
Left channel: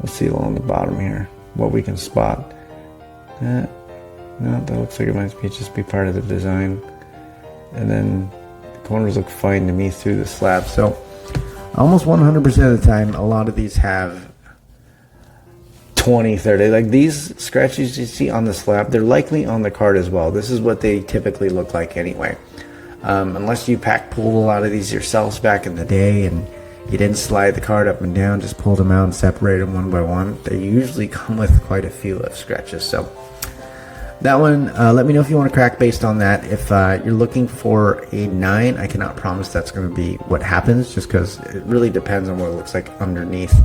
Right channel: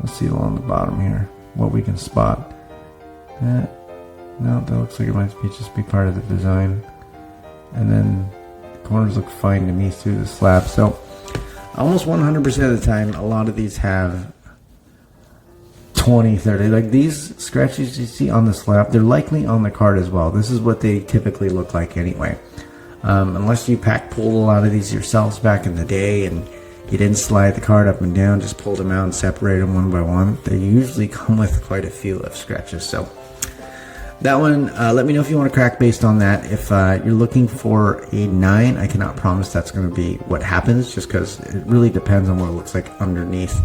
Let's see along the bottom here what we can spot. No, that looks like it might just be part of the design. And then the corners look fine to me through the slab. So almost 100% of the time, a lot of these have 20, 30. Like these scratches you see on the slab, they're likely on the card as well. This is what they typically look like anyway. Unless you pack pulled a lot of these yourselves back in the day and you didn't slide the card up and down, just pulled them out and separated them one by one. They usually come with quite a few of scratches. So that one, let me know if you want to crack based on that. If you're looking for a 9, I cannot promise that's going to be what happens, just because it really depends on what it looks like underneath.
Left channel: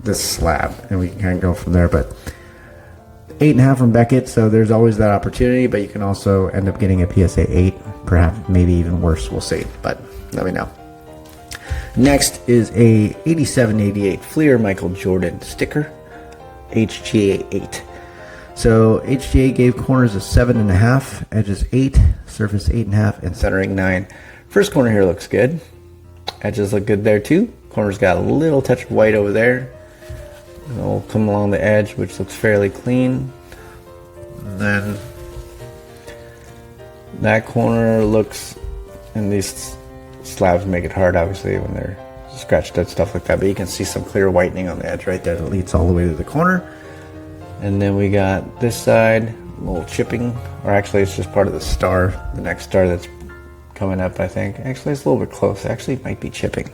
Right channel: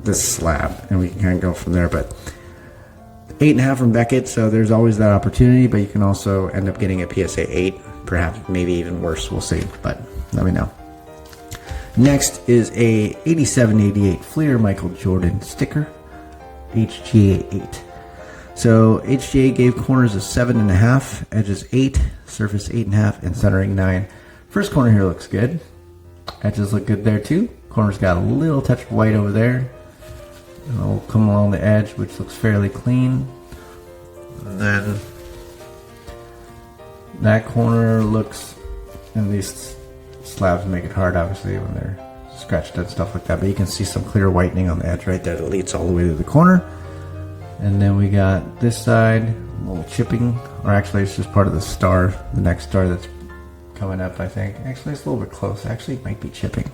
this slab, and we can kind of go from there. But 8.5 from Beckett, so there's always that opportunity, but you can also end up getting a PSA 8, perhaps maybe even worse, we'll see, but let me know. Next is a 87-88 Flair Michael Jordan sticker, HGA 8. So HGA gave corners a 7.5, edges 8, surface 8.5, and centering 9. First corner here looks good. Edges look good there too. Corner's got a little touch of white over there. It'll come along the edge, which looks fairly clean. And then that corner looks, and these slabs make it hard obviously when they're scratched and stuff like that, but you can see some clear whitening on the edge right there that leads all the way to the corner. And then we got this side, a little chipping, or actually it's just part of the star, the next star that's coming up, I think. Actually it's a little bit close, actually it might be chipping.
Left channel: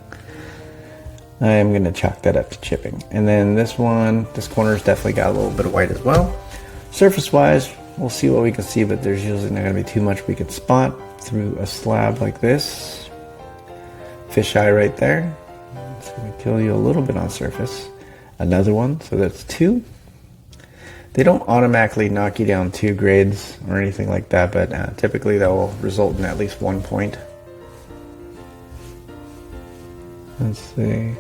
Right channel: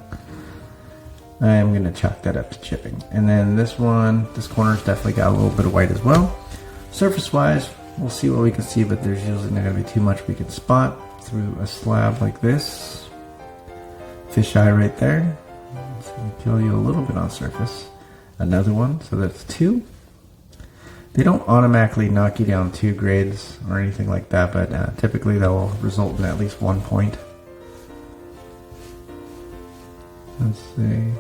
I am going to chalk that up to chipping. And then this one, this corner's definitely got a little bit of white as well. Surface wise, we'll see what we can see, but there's usually not going to be too much we can spot through a slab like this. Fisheye right there. So we kill you a little bit on surface. Another one, so that's 2. They don't automatically knock you down 2 grades or anything like that, but typically that will result in at least 1 point. Let's see.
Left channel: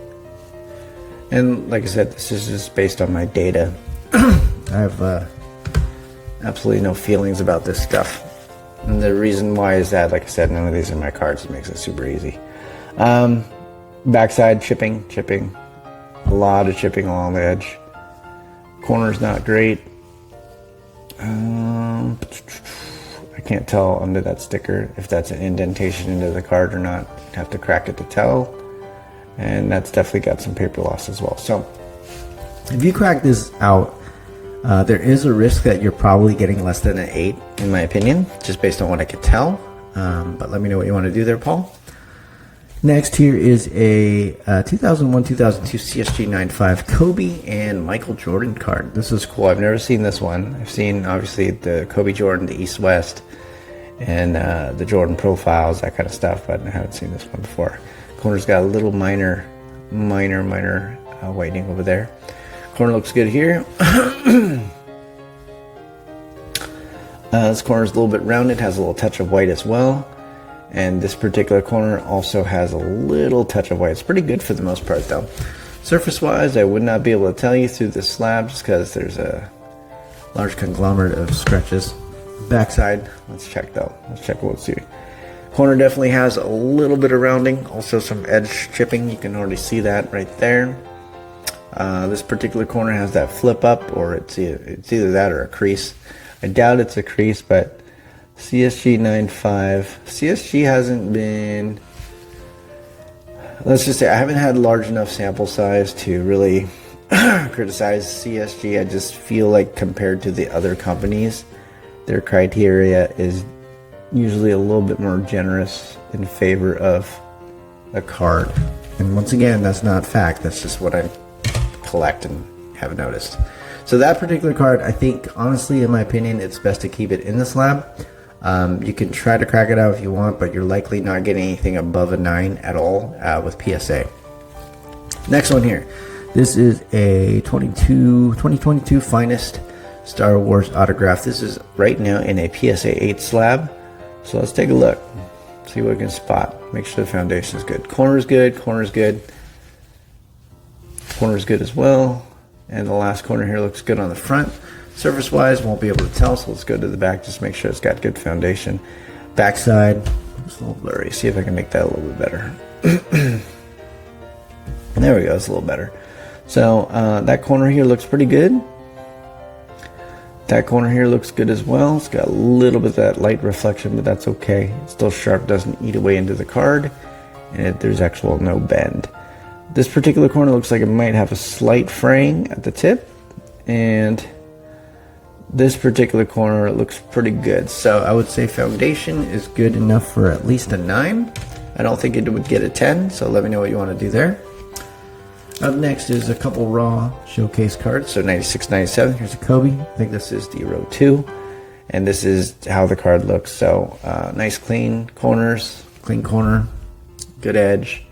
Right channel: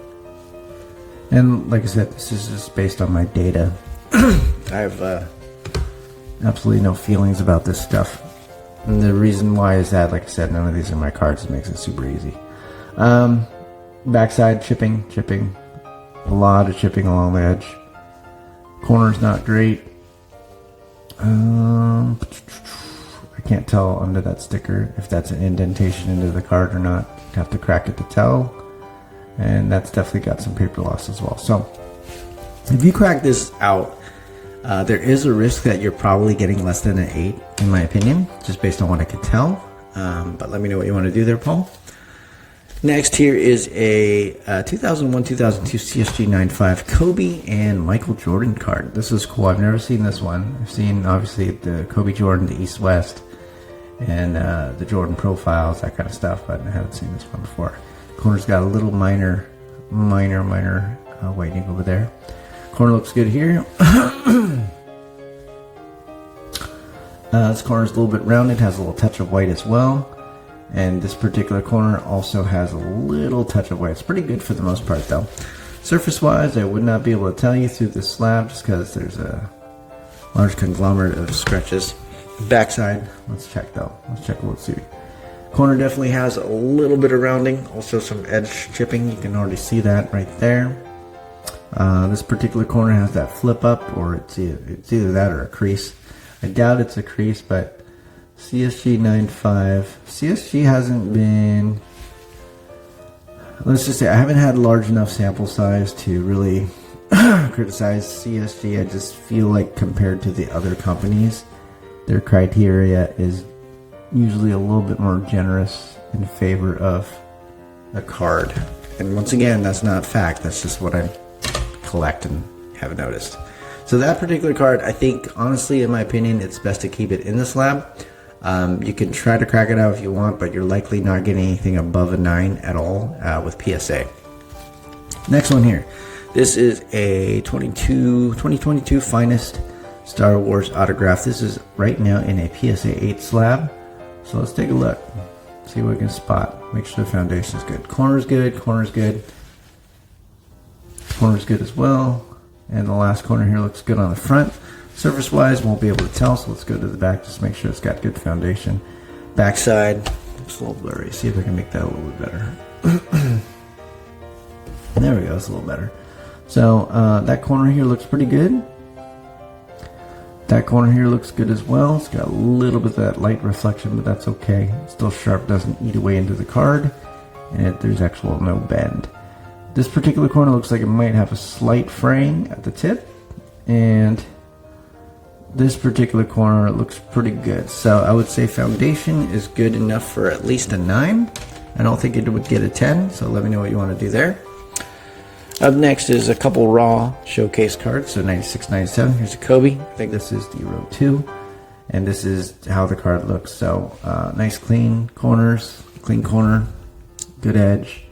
And like I said, this is just based on my data. I have absolutely no feelings about this stuff. And the reason why is that, like I said, none of these are my cards. It makes it super easy. Backside, chipping. A lot of chipping along the edge. Corner's not great. I can't tell under that sticker if that's an indentation into the card or not. Have to crack it to tell. And that's definitely got some paper loss as well. So if you crack this out, there is a risk that you're probably getting less than an 8, in my opinion, just based on what I could tell. But let me know what you want to do there, Paul. Next here is a 2001-2002 CSG 9.5 Kobe and Michael Jordan card. This is cool. I've never seen this one. I've seen, obviously, the Kobe Jordan, the East-West, and the Jordan profiles, that kind of stuff, but I haven't seen this one before. Corner's got a little minor whitening over there. Corner looks good here. This corner's a little bit rounded, has a little touch of white as well. And this particular corner also has a little touch of white. It's pretty good for the most part though. Surface wise, I would not be able to tell you through the slab just because there's a large conglomerate of scratches. Backside, let's check though. Let's check what we'll see. Corner definitely has a little bit of rounding, also some edge chipping. You can already see that right there. This particular corner has that flip up, or it's either that or a crease. I doubt it's a crease, but CSG 9.5. CSG hasn't been, let's just say, I haven't had large enough sample size to really criticize CSG. I just feel like compared to the other companies, their criteria is usually a little bit more generous in favor of a card. And once again, that's not fact. That's just what I collect and have noticed. So that particular card, I think, honestly, in my opinion, it's best to keep it in the slab. You can try to crack it out if you want, but you're likely not getting anything above a 9 at all with PSA. Next one here. This is a 2022 Finest Star Wars autograph. This is right now in a PSA 8 slab. So let's take a look. See what we can spot. Make sure the foundation is good. Corner's good. Corner's good. Corner's good as well. And the last corner here looks good on the front. Surface wise, won't be able to tell, so let's go to the back. Just make sure it's got good foundation. Backside looks a little blurry. See if I can make that a little bit better. There we go. It's a little better. So that corner here looks pretty good. That corner here looks good as well. It's got a little bit of that light reflection, but that's okay. It's still sharp, doesn't eat away into the card, and there's actual no bend. This particular corner looks like it might have a slight fraying at the tip, and this particular corner looks pretty good. So I would say foundation is good enough for at least a 9. I don't think it would get a 10, so let me know what you want to do there. Up next is a couple raw showcase cards. So 96, 97. Here's a Kobe. I think this is the row 2. And this is how the card looks. So nice clean corners. Clean corner. Good edge.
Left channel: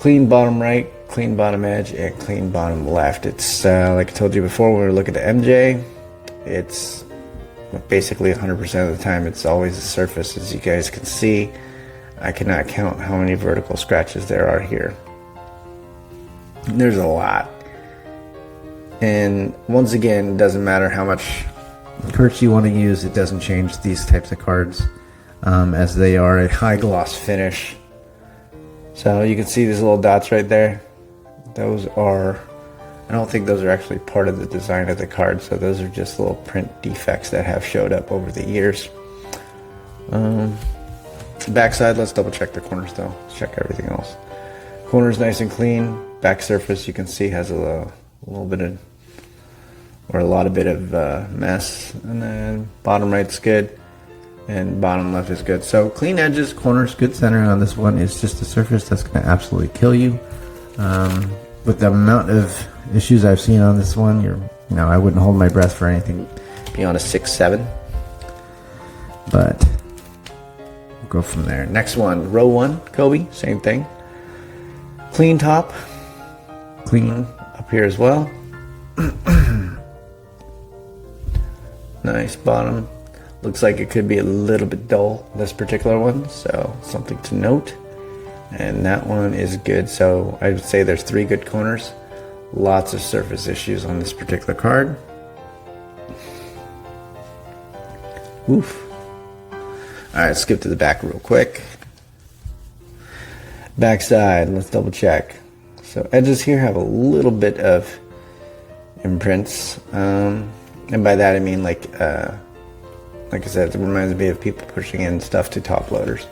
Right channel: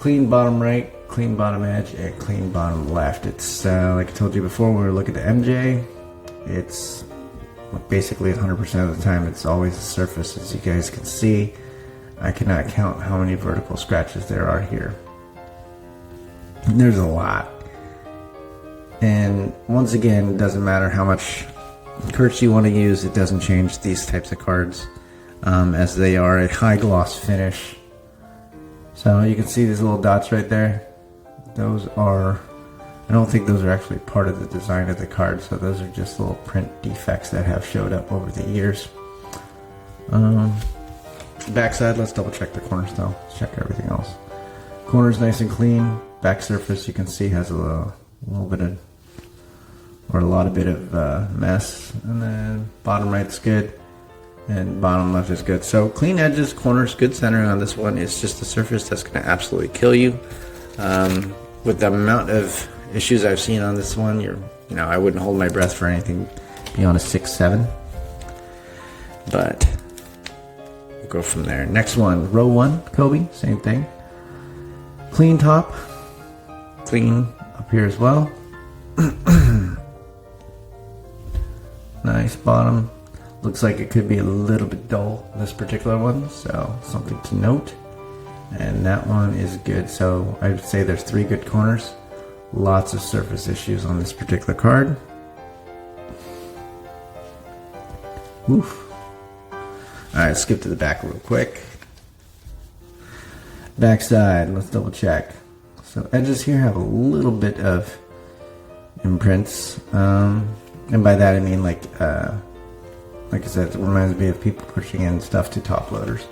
Clean bottom right. clean bottom edge and clean bottom left. It's like I told you before when we were looking at MJ, it's basically 100% of the time it's always the surface. As you guys can see, I cannot count how many vertical scratches there are here. There's a lot. And once again, it doesn't matter how much Kurtz you want to use, it doesn't change these types of cards, as they are a high gloss finish. So you can see these little dots right there. Those are, I don't think those are actually part of the design of the card, so those are just little print defects that have showed up over the years. Backside, let's double check the corners though. Let's check everything else. Corner's nice and clean. Back surface, you can see, has a little bit of, or a lot of bit of mess. And then bottom right's good, and bottom left is good. So clean edges, corners, good centering on this one. It's just the surface that's going to absolutely kill you. With the amount of issues I've seen on this one, I wouldn't hold my breath for anything beyond a 6-7. But we'll go from there. Next one, row 1, Kobe, same thing. Clean top, clean up here as well. Nice bottom. Looks like it could be a little bit dull, this particular one, so something to note. And that one is good. So I would say there's 3 good corners. Lots of surface issues on this particular card. Oof. Alright, skip to the back real quick. Back side, let's double check. So edges here have a little bit of imprints. And by that I mean like I said, it reminds me of people pushing in stuff to top loaders.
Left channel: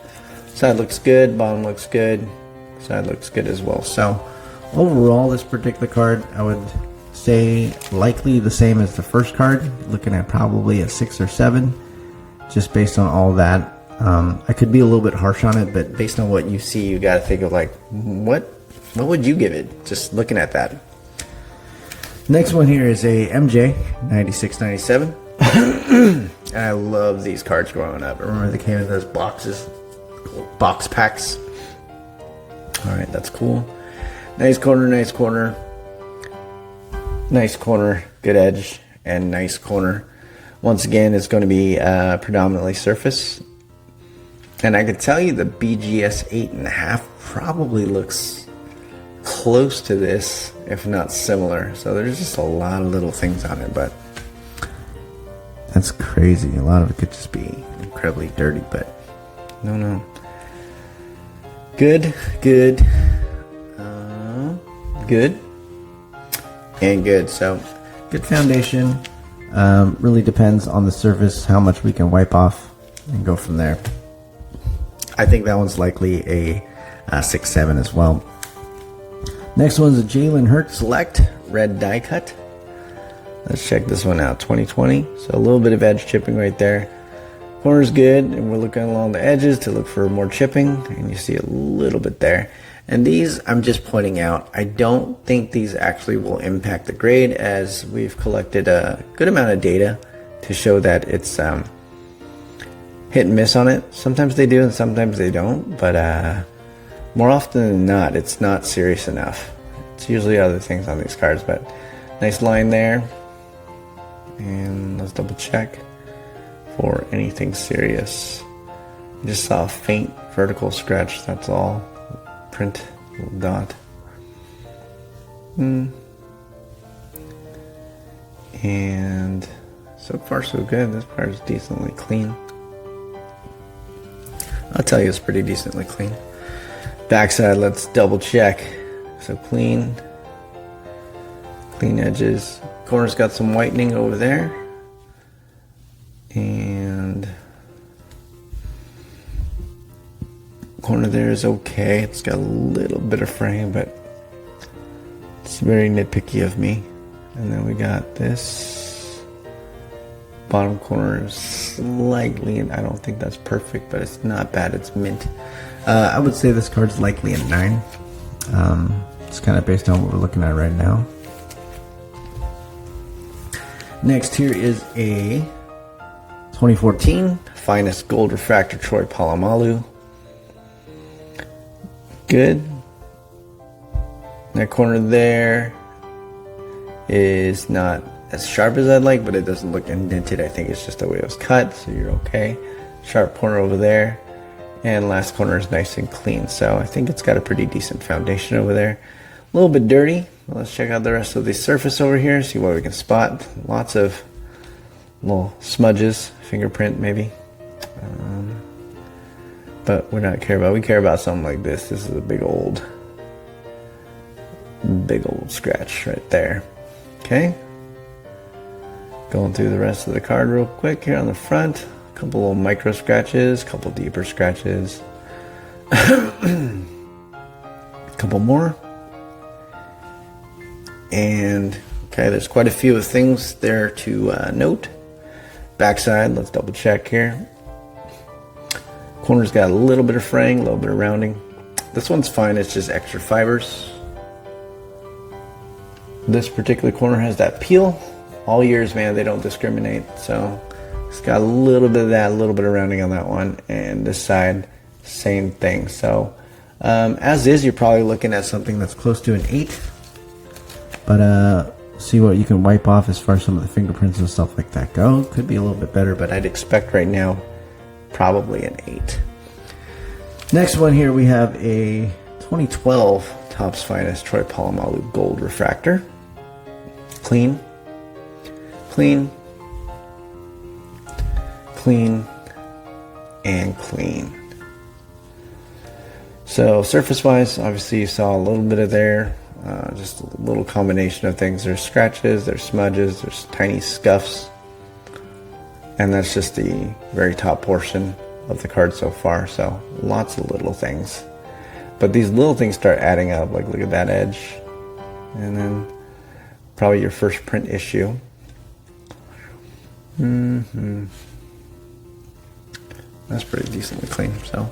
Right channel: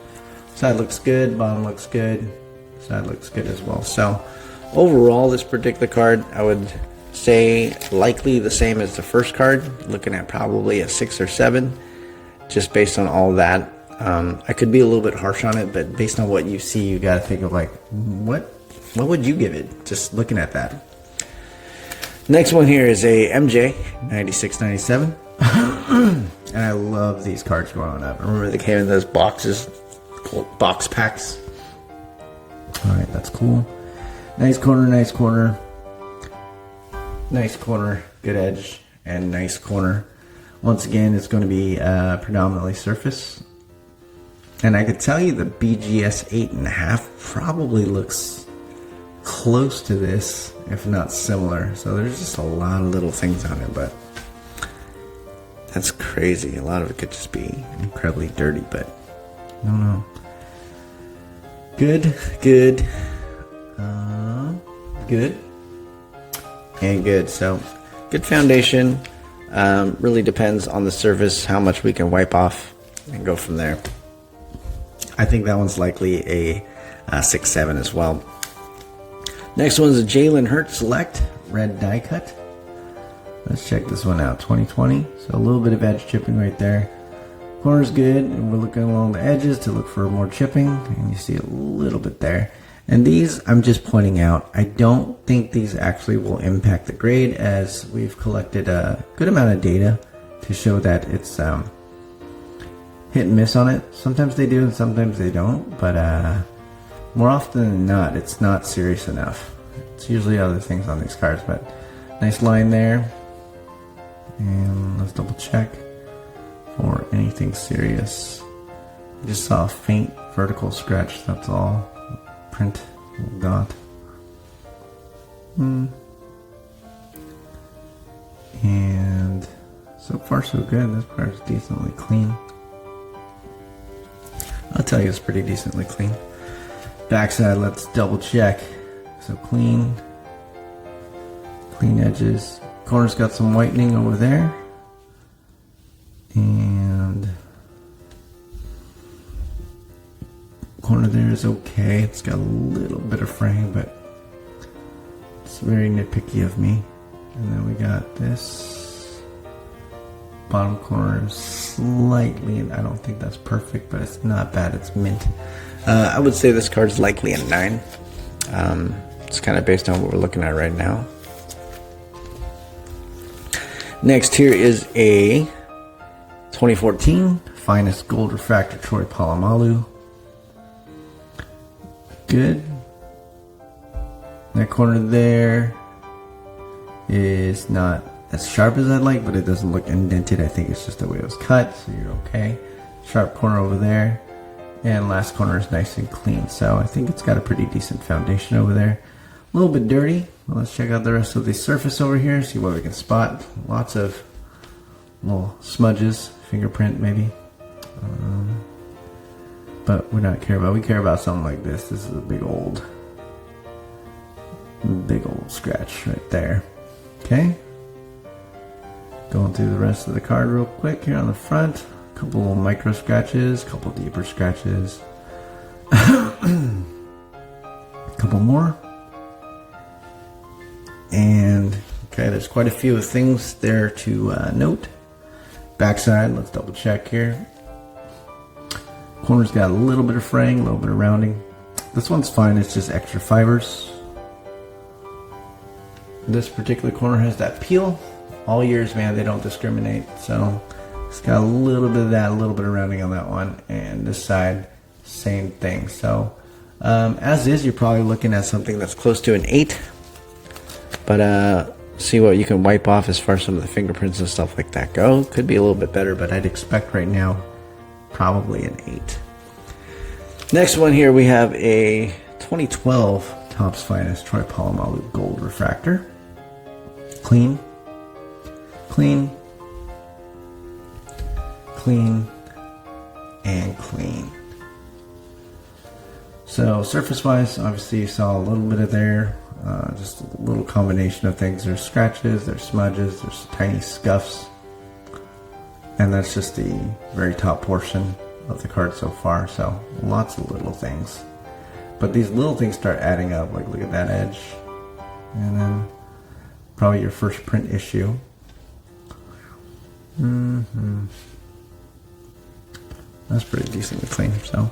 Side looks good, bottom looks good, side looks good as well. So overall, this particular card, I would say likely the same as the first card, looking at probably a 6 or 7, just based on all that. I could be a little bit harsh on it, but based on what you see, you got to think of like, what would you give it, just looking at that. Next one here is a MJ 96-97. And I love these cards growing up. I remember they came in those boxes, box packs. Alright, that's cool. Nice corner, nice corner. Nice corner, good edge, and nice corner. Once again, it's going to be predominantly surface. And I could tell you the BGS 8.5 probably looks close to this, if not similar. So there's just a lot of little things on it, but that's crazy. A lot of it could just be incredibly dirty, but no. Good, good, good, and good. So good foundation. Really depends on the surface, how much we can wipe off and go from there. I think that one's likely a 6-7 as well. Next one's a Jalen Hurts Select red die cut. Let's check this one out. 2020. So a little bit of edge chipping right there. Corner's good, and we're looking along the edges to look for more chipping, and you see a little bit there. And these, I'm just pointing out, I don't think these actually will impact the grade, as we've collected a good amount of data to show that it's hit and miss on it. Sometimes they do and sometimes they don't, but more often than not, it's not serious enough. It's usually other things on these cards, but nice line there. And let's double check for anything serious. I just saw a faint vertical scratch, that's all. Print, little dot. And so far so good. This part is decently clean. I'll tell you it's pretty decently clean. Backside, let's double check. So clean edges. Corner's got some whitening over there. And corner there is okay. It's got a little bit of frame, but it's very nitpicky of me. And then we got this bottom corner is slightly, and I don't think that's perfect, but it's not bad. It's mint. I would say this card's likely a 9. It's kind of based on what we're looking at right now. Next here is a 2014 Finest Gold Refractor Troy Palomalu. Good. That corner there is not as sharp as I'd like, but it doesn't look indented. I think it's just the way it was cut, so you're okay. Sharp corner over there, and last corner is nice and clean, so I think it's got a pretty decent foundation over there. A little bit dirty. Well, let's check out the rest of the surface over here, see what we can spot. Lots of little smudges, fingerprint maybe, but we're not care about. We care about something like this. This is a big old scratch right there. Okay, going through the rest of the card real quick here on the front. A couple little micro scratches, a couple deeper scratches, a couple more. And okay, there's quite a few things there to note. Backside, let's double check here. Corner's got a little bit of fraying, a little bit of rounding. This one's fine, it's just extra fibers. This particular corner has that peel. All years, man, they don't discriminate. So it's got a little bit of that, a little bit of rounding on that one. And this side, same thing. So as is, you're probably looking at something that's close to an 8. But see what you can wipe off as far as some of the fingerprints and stuff like that go. Could be a little bit better, but I'd expect right now probably an 8. Next one here, we have a 2012 Topps Finest Troy Palomalu Gold Refractor. Clean, clean, clean, and clean. So surface wise, obviously you saw a little bit of there. Just a little combination of things. There's scratches, there's smudges, there's tiny scuffs, and that's just the very top portion of the card so far. So lots of little things, but these little things start adding up. Like look at that edge, and then probably your first print issue. That's pretty decently clean. So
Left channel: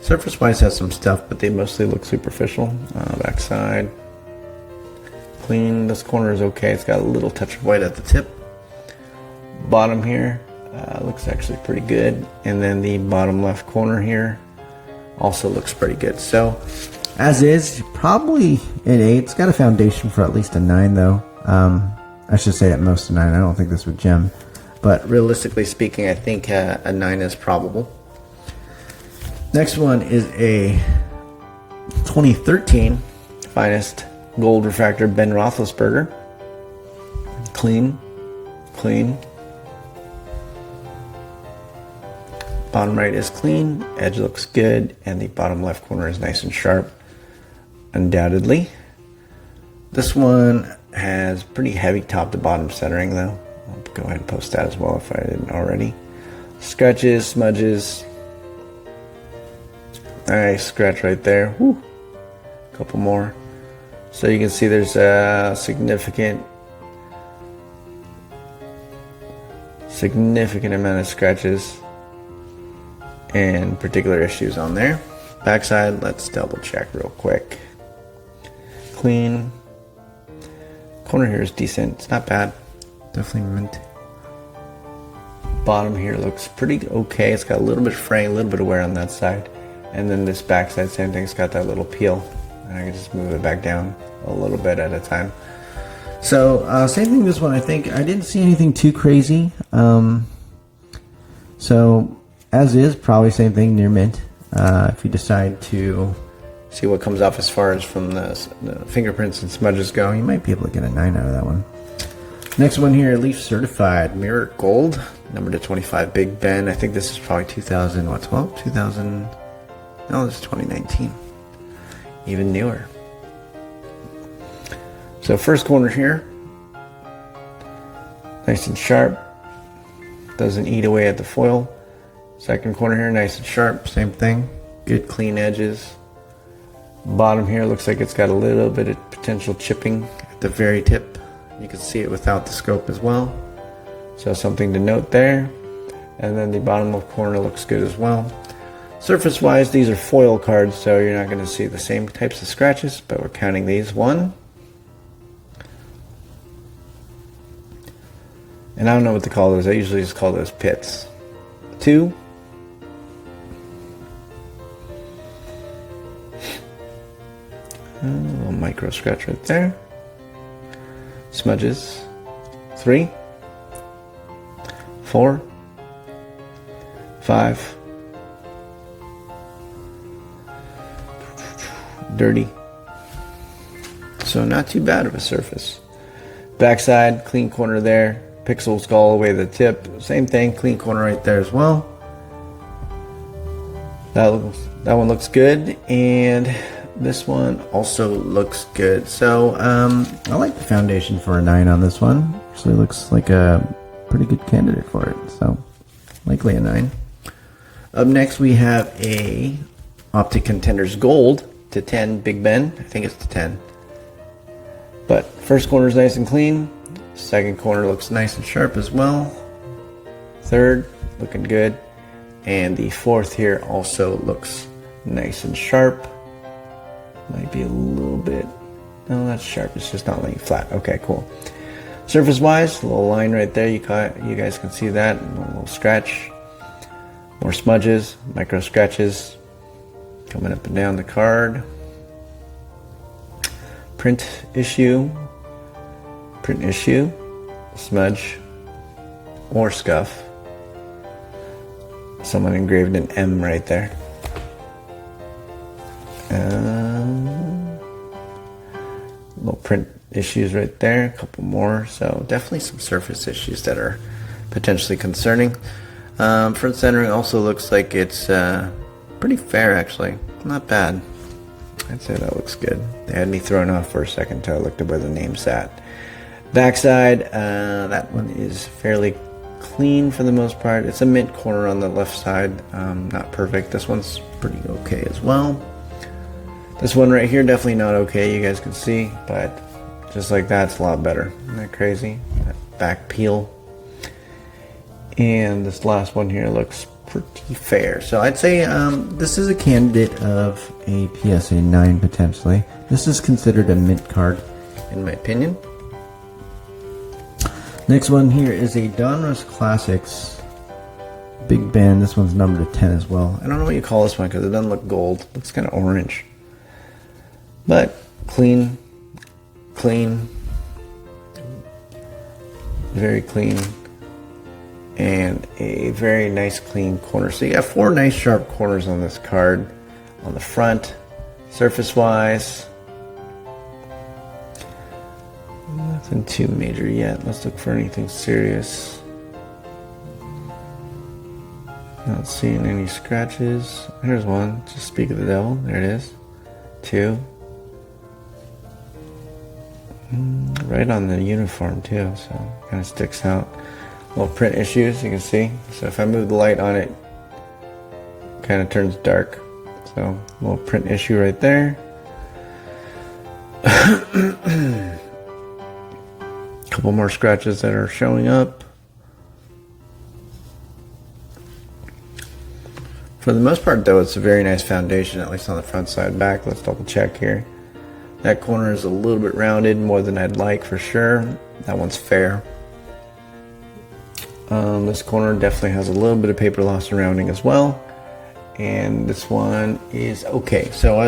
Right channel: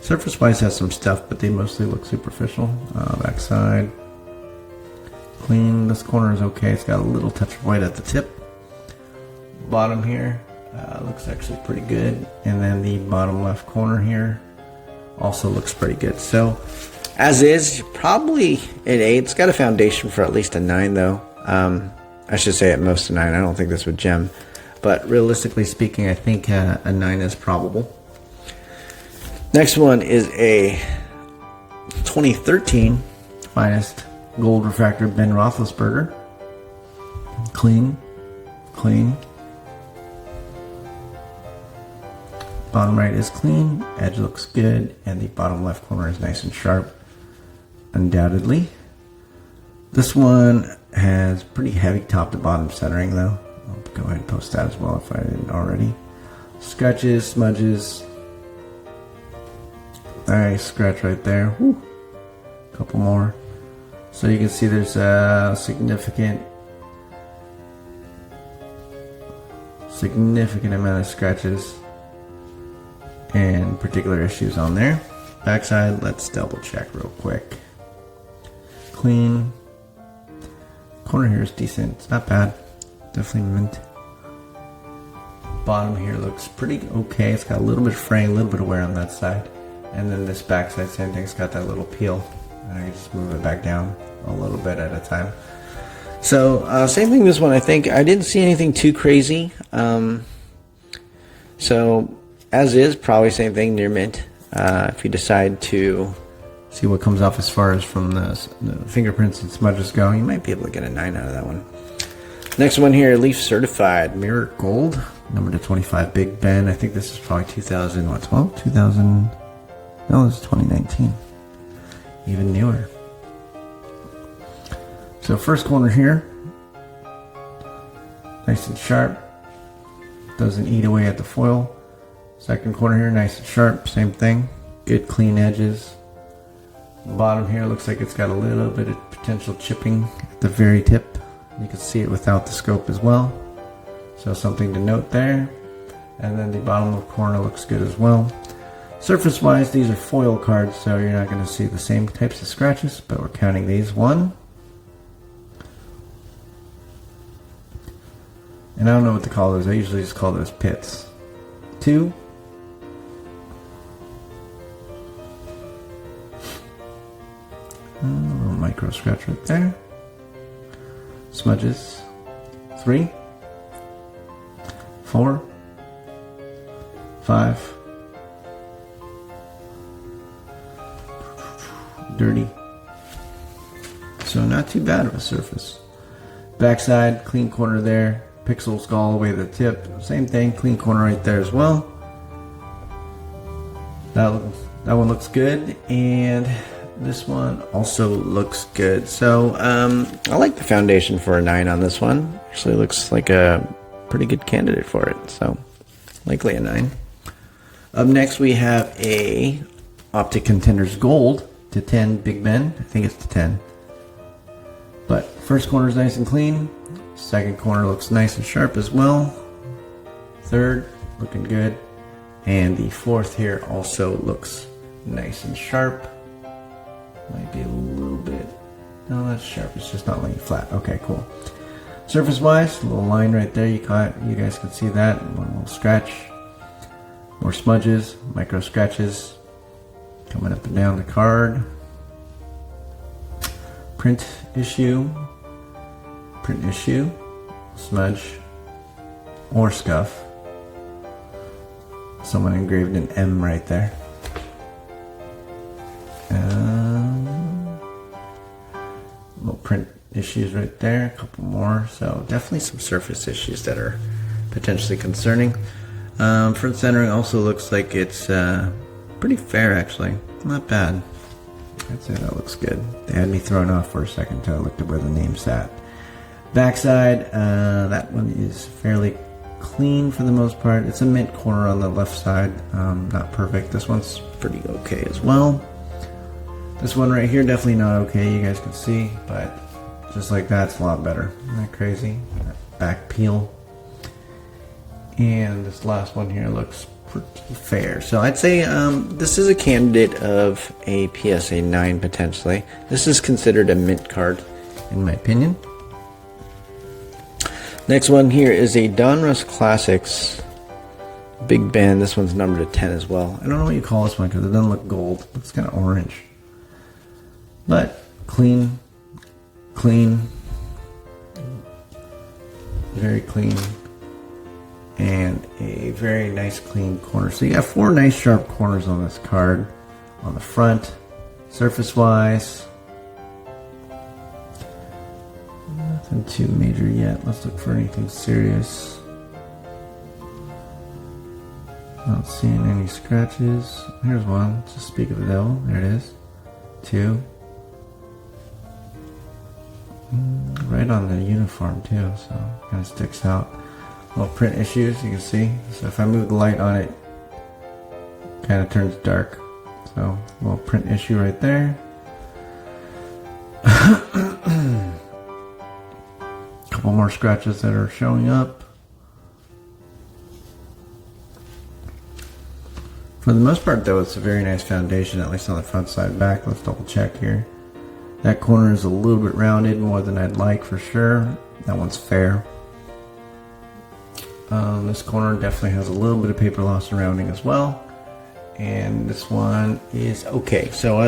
surface wise has some stuff, but they mostly look superficial. Backside, clean. This corner is okay. It's got a little touch of white at the tip. Bottom here looks actually pretty good. And then the bottom left corner here also looks pretty good. So as is, probably an 8. It's got a foundation for at least a 9 though. I should say at most a 9. I don't think this would gem. But realistically speaking, I think a 9 is probable. Next one is a 2013 Finest Gold Refractor Ben Roethlisberger. Clean, clean. Bottom right is clean, edge looks good, and the bottom left corner is nice and sharp, undoubtedly. This one has pretty heavy top to bottom centering though. I'll go ahead and post that as well if I didn't already. Scratches, smudges. Nice scratch right there. Woo. Couple more. So you can see there's a significant amount of scratches and particular issues on there. Backside, let's double check real quick. Clean. Corner here is decent. It's not bad. Definitely mint. Bottom here looks pretty okay. It's got a little bit of fraying, a little bit of wear on that side. And then this backside, same thing. It's got that little peel. And I can just move it back down a little bit at a time. So same thing this one. I think I didn't see anything too crazy. So as is, probably same thing, near mint. If you decide to see what comes off as far as from the fingerprints and smudges go, you might be able to get a 9 out of that one. Next one here, Leaf Certified Mirror Gold, number to 25, Big Ben. I think this is probably 2012? 2000? No, this is 2019. Even newer. So first corner here, nice and sharp. Doesn't eat away at the foil. Second corner here, nice and sharp, same thing. Good clean edges. Bottom here looks like it's got a little bit of potential chipping at the very tip. You can see it without the scope as well. So something to note there. And then the bottom left corner looks good as well. Surface wise, these are foil cards, so you're not going to see the same types of scratches, but we're counting these. 1. And I don't know what to call those. I usually just call those pits. 2. Micro scratch right there. Smudges. 3, 4, 5. Dirty. So not too bad of a surface. Backside, clean corner there. Pixels go all the way to the tip. Same thing, clean corner right there as well. That one looks good, and this one also looks good. So I like the foundation for a 9 on this one. Actually looks like a pretty good candidate for it. So likely a 9. Up next we have a Optic Contenders Gold to 10 Big Ben. I think it's to 10. But first corner is nice and clean. Second corner looks nice and sharp as well. Third, looking good. And the fourth here also looks nice and sharp. Might be a little bit, no, that's sharp. It's just not laying flat. Okay, cool. Surface wise, a little line right there. You guys can see that. A little scratch. More smudges, micro scratches coming up and down the card. Print issue, smudge, or scuff. Someone engraved an M right there. Little print issues right there, a couple more. So definitely some surface issues that are potentially concerning. Front centering also looks like it's pretty fair actually. Not bad. I'd say that looks good. They had me thrown off for a second until I looked at where the name sat. Backside, that one is fairly clean for the most part. It's a mint corner on the left side. Not perfect. This one's pretty okay as well. This one right here, definitely not okay. You guys can see, but just like that, it's a lot better. Isn't that crazy? That back peel. And this last one here looks pretty fair. So I'd say this is a candidate of a PSA 9 potentially. This is considered a mint card in my opinion. Next one here is a Donruss Classics Big Ben. This one's numbered to 10 as well. I don't know what you call this one because it doesn't look gold. It looks kind of orange. But clean, very clean, and a very nice clean corner. So you got 4 nice sharp corners on this card. On the front, surface wise, nothing too major yet. Let's look for anything serious. Not seeing any scratches. Here's one. Just speak of the devil. There it is. 2. Right on the uniform too, so kind of sticks out. Little print issues, you can see. So if I move the light on it, kind of turns dark. So a little print issue right there. Couple more scratches that are showing up. For the most part though, it's a very nice foundation, at least on the front side. Back, let's double check here. That corner is a little bit rounded, more than I'd like for sure. That one's fair. This corner definitely has a little bit of paper loss surrounding as well. And this one is okay. So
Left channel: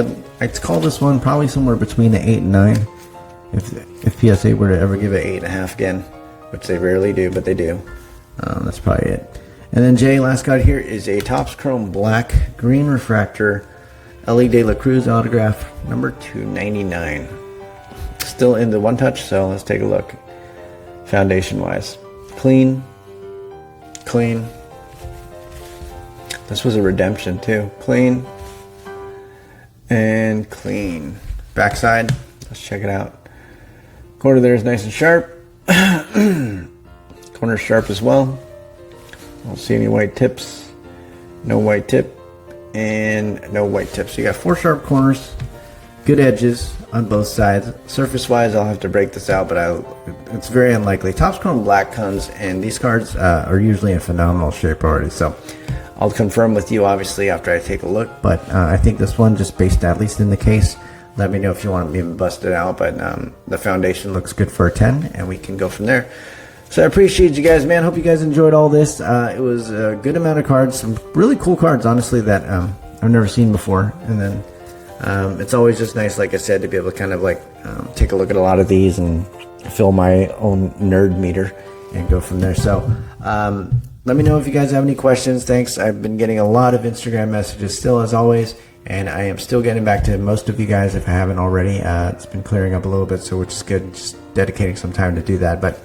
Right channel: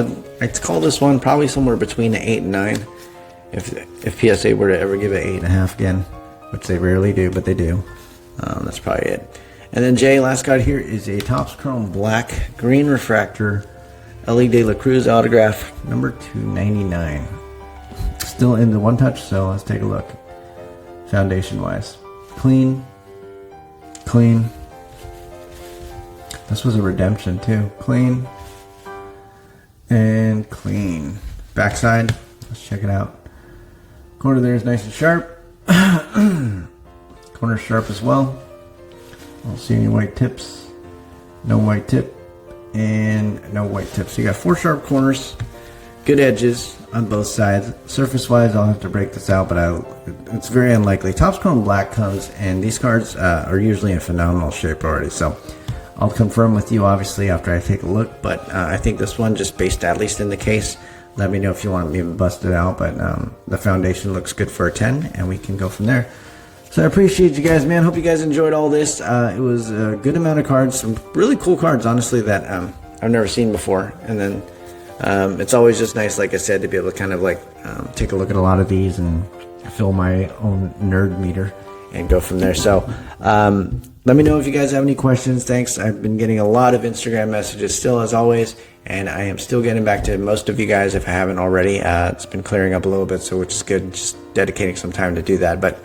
I'd call this one probably somewhere between an 8 and 9. If PSA were to ever give it 8.5 again, which they rarely do, but they do. That's probably it. And then Jay, last card here is a Topps Chrome Black Green Refractor Elly de la Cruz autograph, number 299. Still in the one touch, so let's take a look. Foundation wise, clean. This was a redemption too. Clean and clean. Backside, let's check it out. Corner there is nice and sharp. Corner sharp as well. I don't see any white tips. No white tip. And no white tips. So you got 4 sharp corners, good edges on both sides. Surface wise, I'll have to break this out, but it's very unlikely. Topps Chrome Black comes, and these cards are usually in phenomenal shape already. So I'll confirm with you obviously after I take a look, but I think this one, just based at least in the case, let me know if you want me to bust it out. But the foundation looks good for a 10, and we can go from there. So I appreciate you guys, man. Hope you guys enjoyed all this. It was a good amount of cards, some really cool cards, honestly, that I've never seen before. And then It's always just nice, like I said, to be able to kind of like take a look at a lot of these and fill my own nerd meter and go from there. So let me know if you guys have any questions. Thanks. I've been getting a lot of Instagram messages still, as always, and I am still getting back to most of you guys if I haven't already. It's been clearing up a little bit, so which is good. Just dedicating some time to do that. But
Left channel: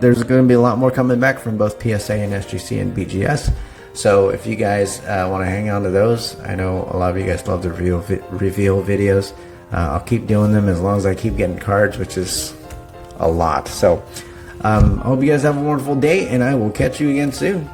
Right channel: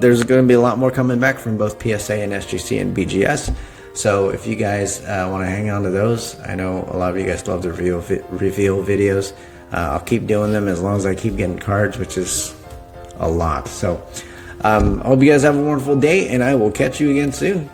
there's going to be a lot more coming back from both PSA and SGC and BGS. So if you guys want to hang on to those, I know a lot of you guys love the reveal videos. I'll keep doing them as long as I keep getting cards, which is a lot. So I hope you guys have a wonderful day, and I will catch you again soon.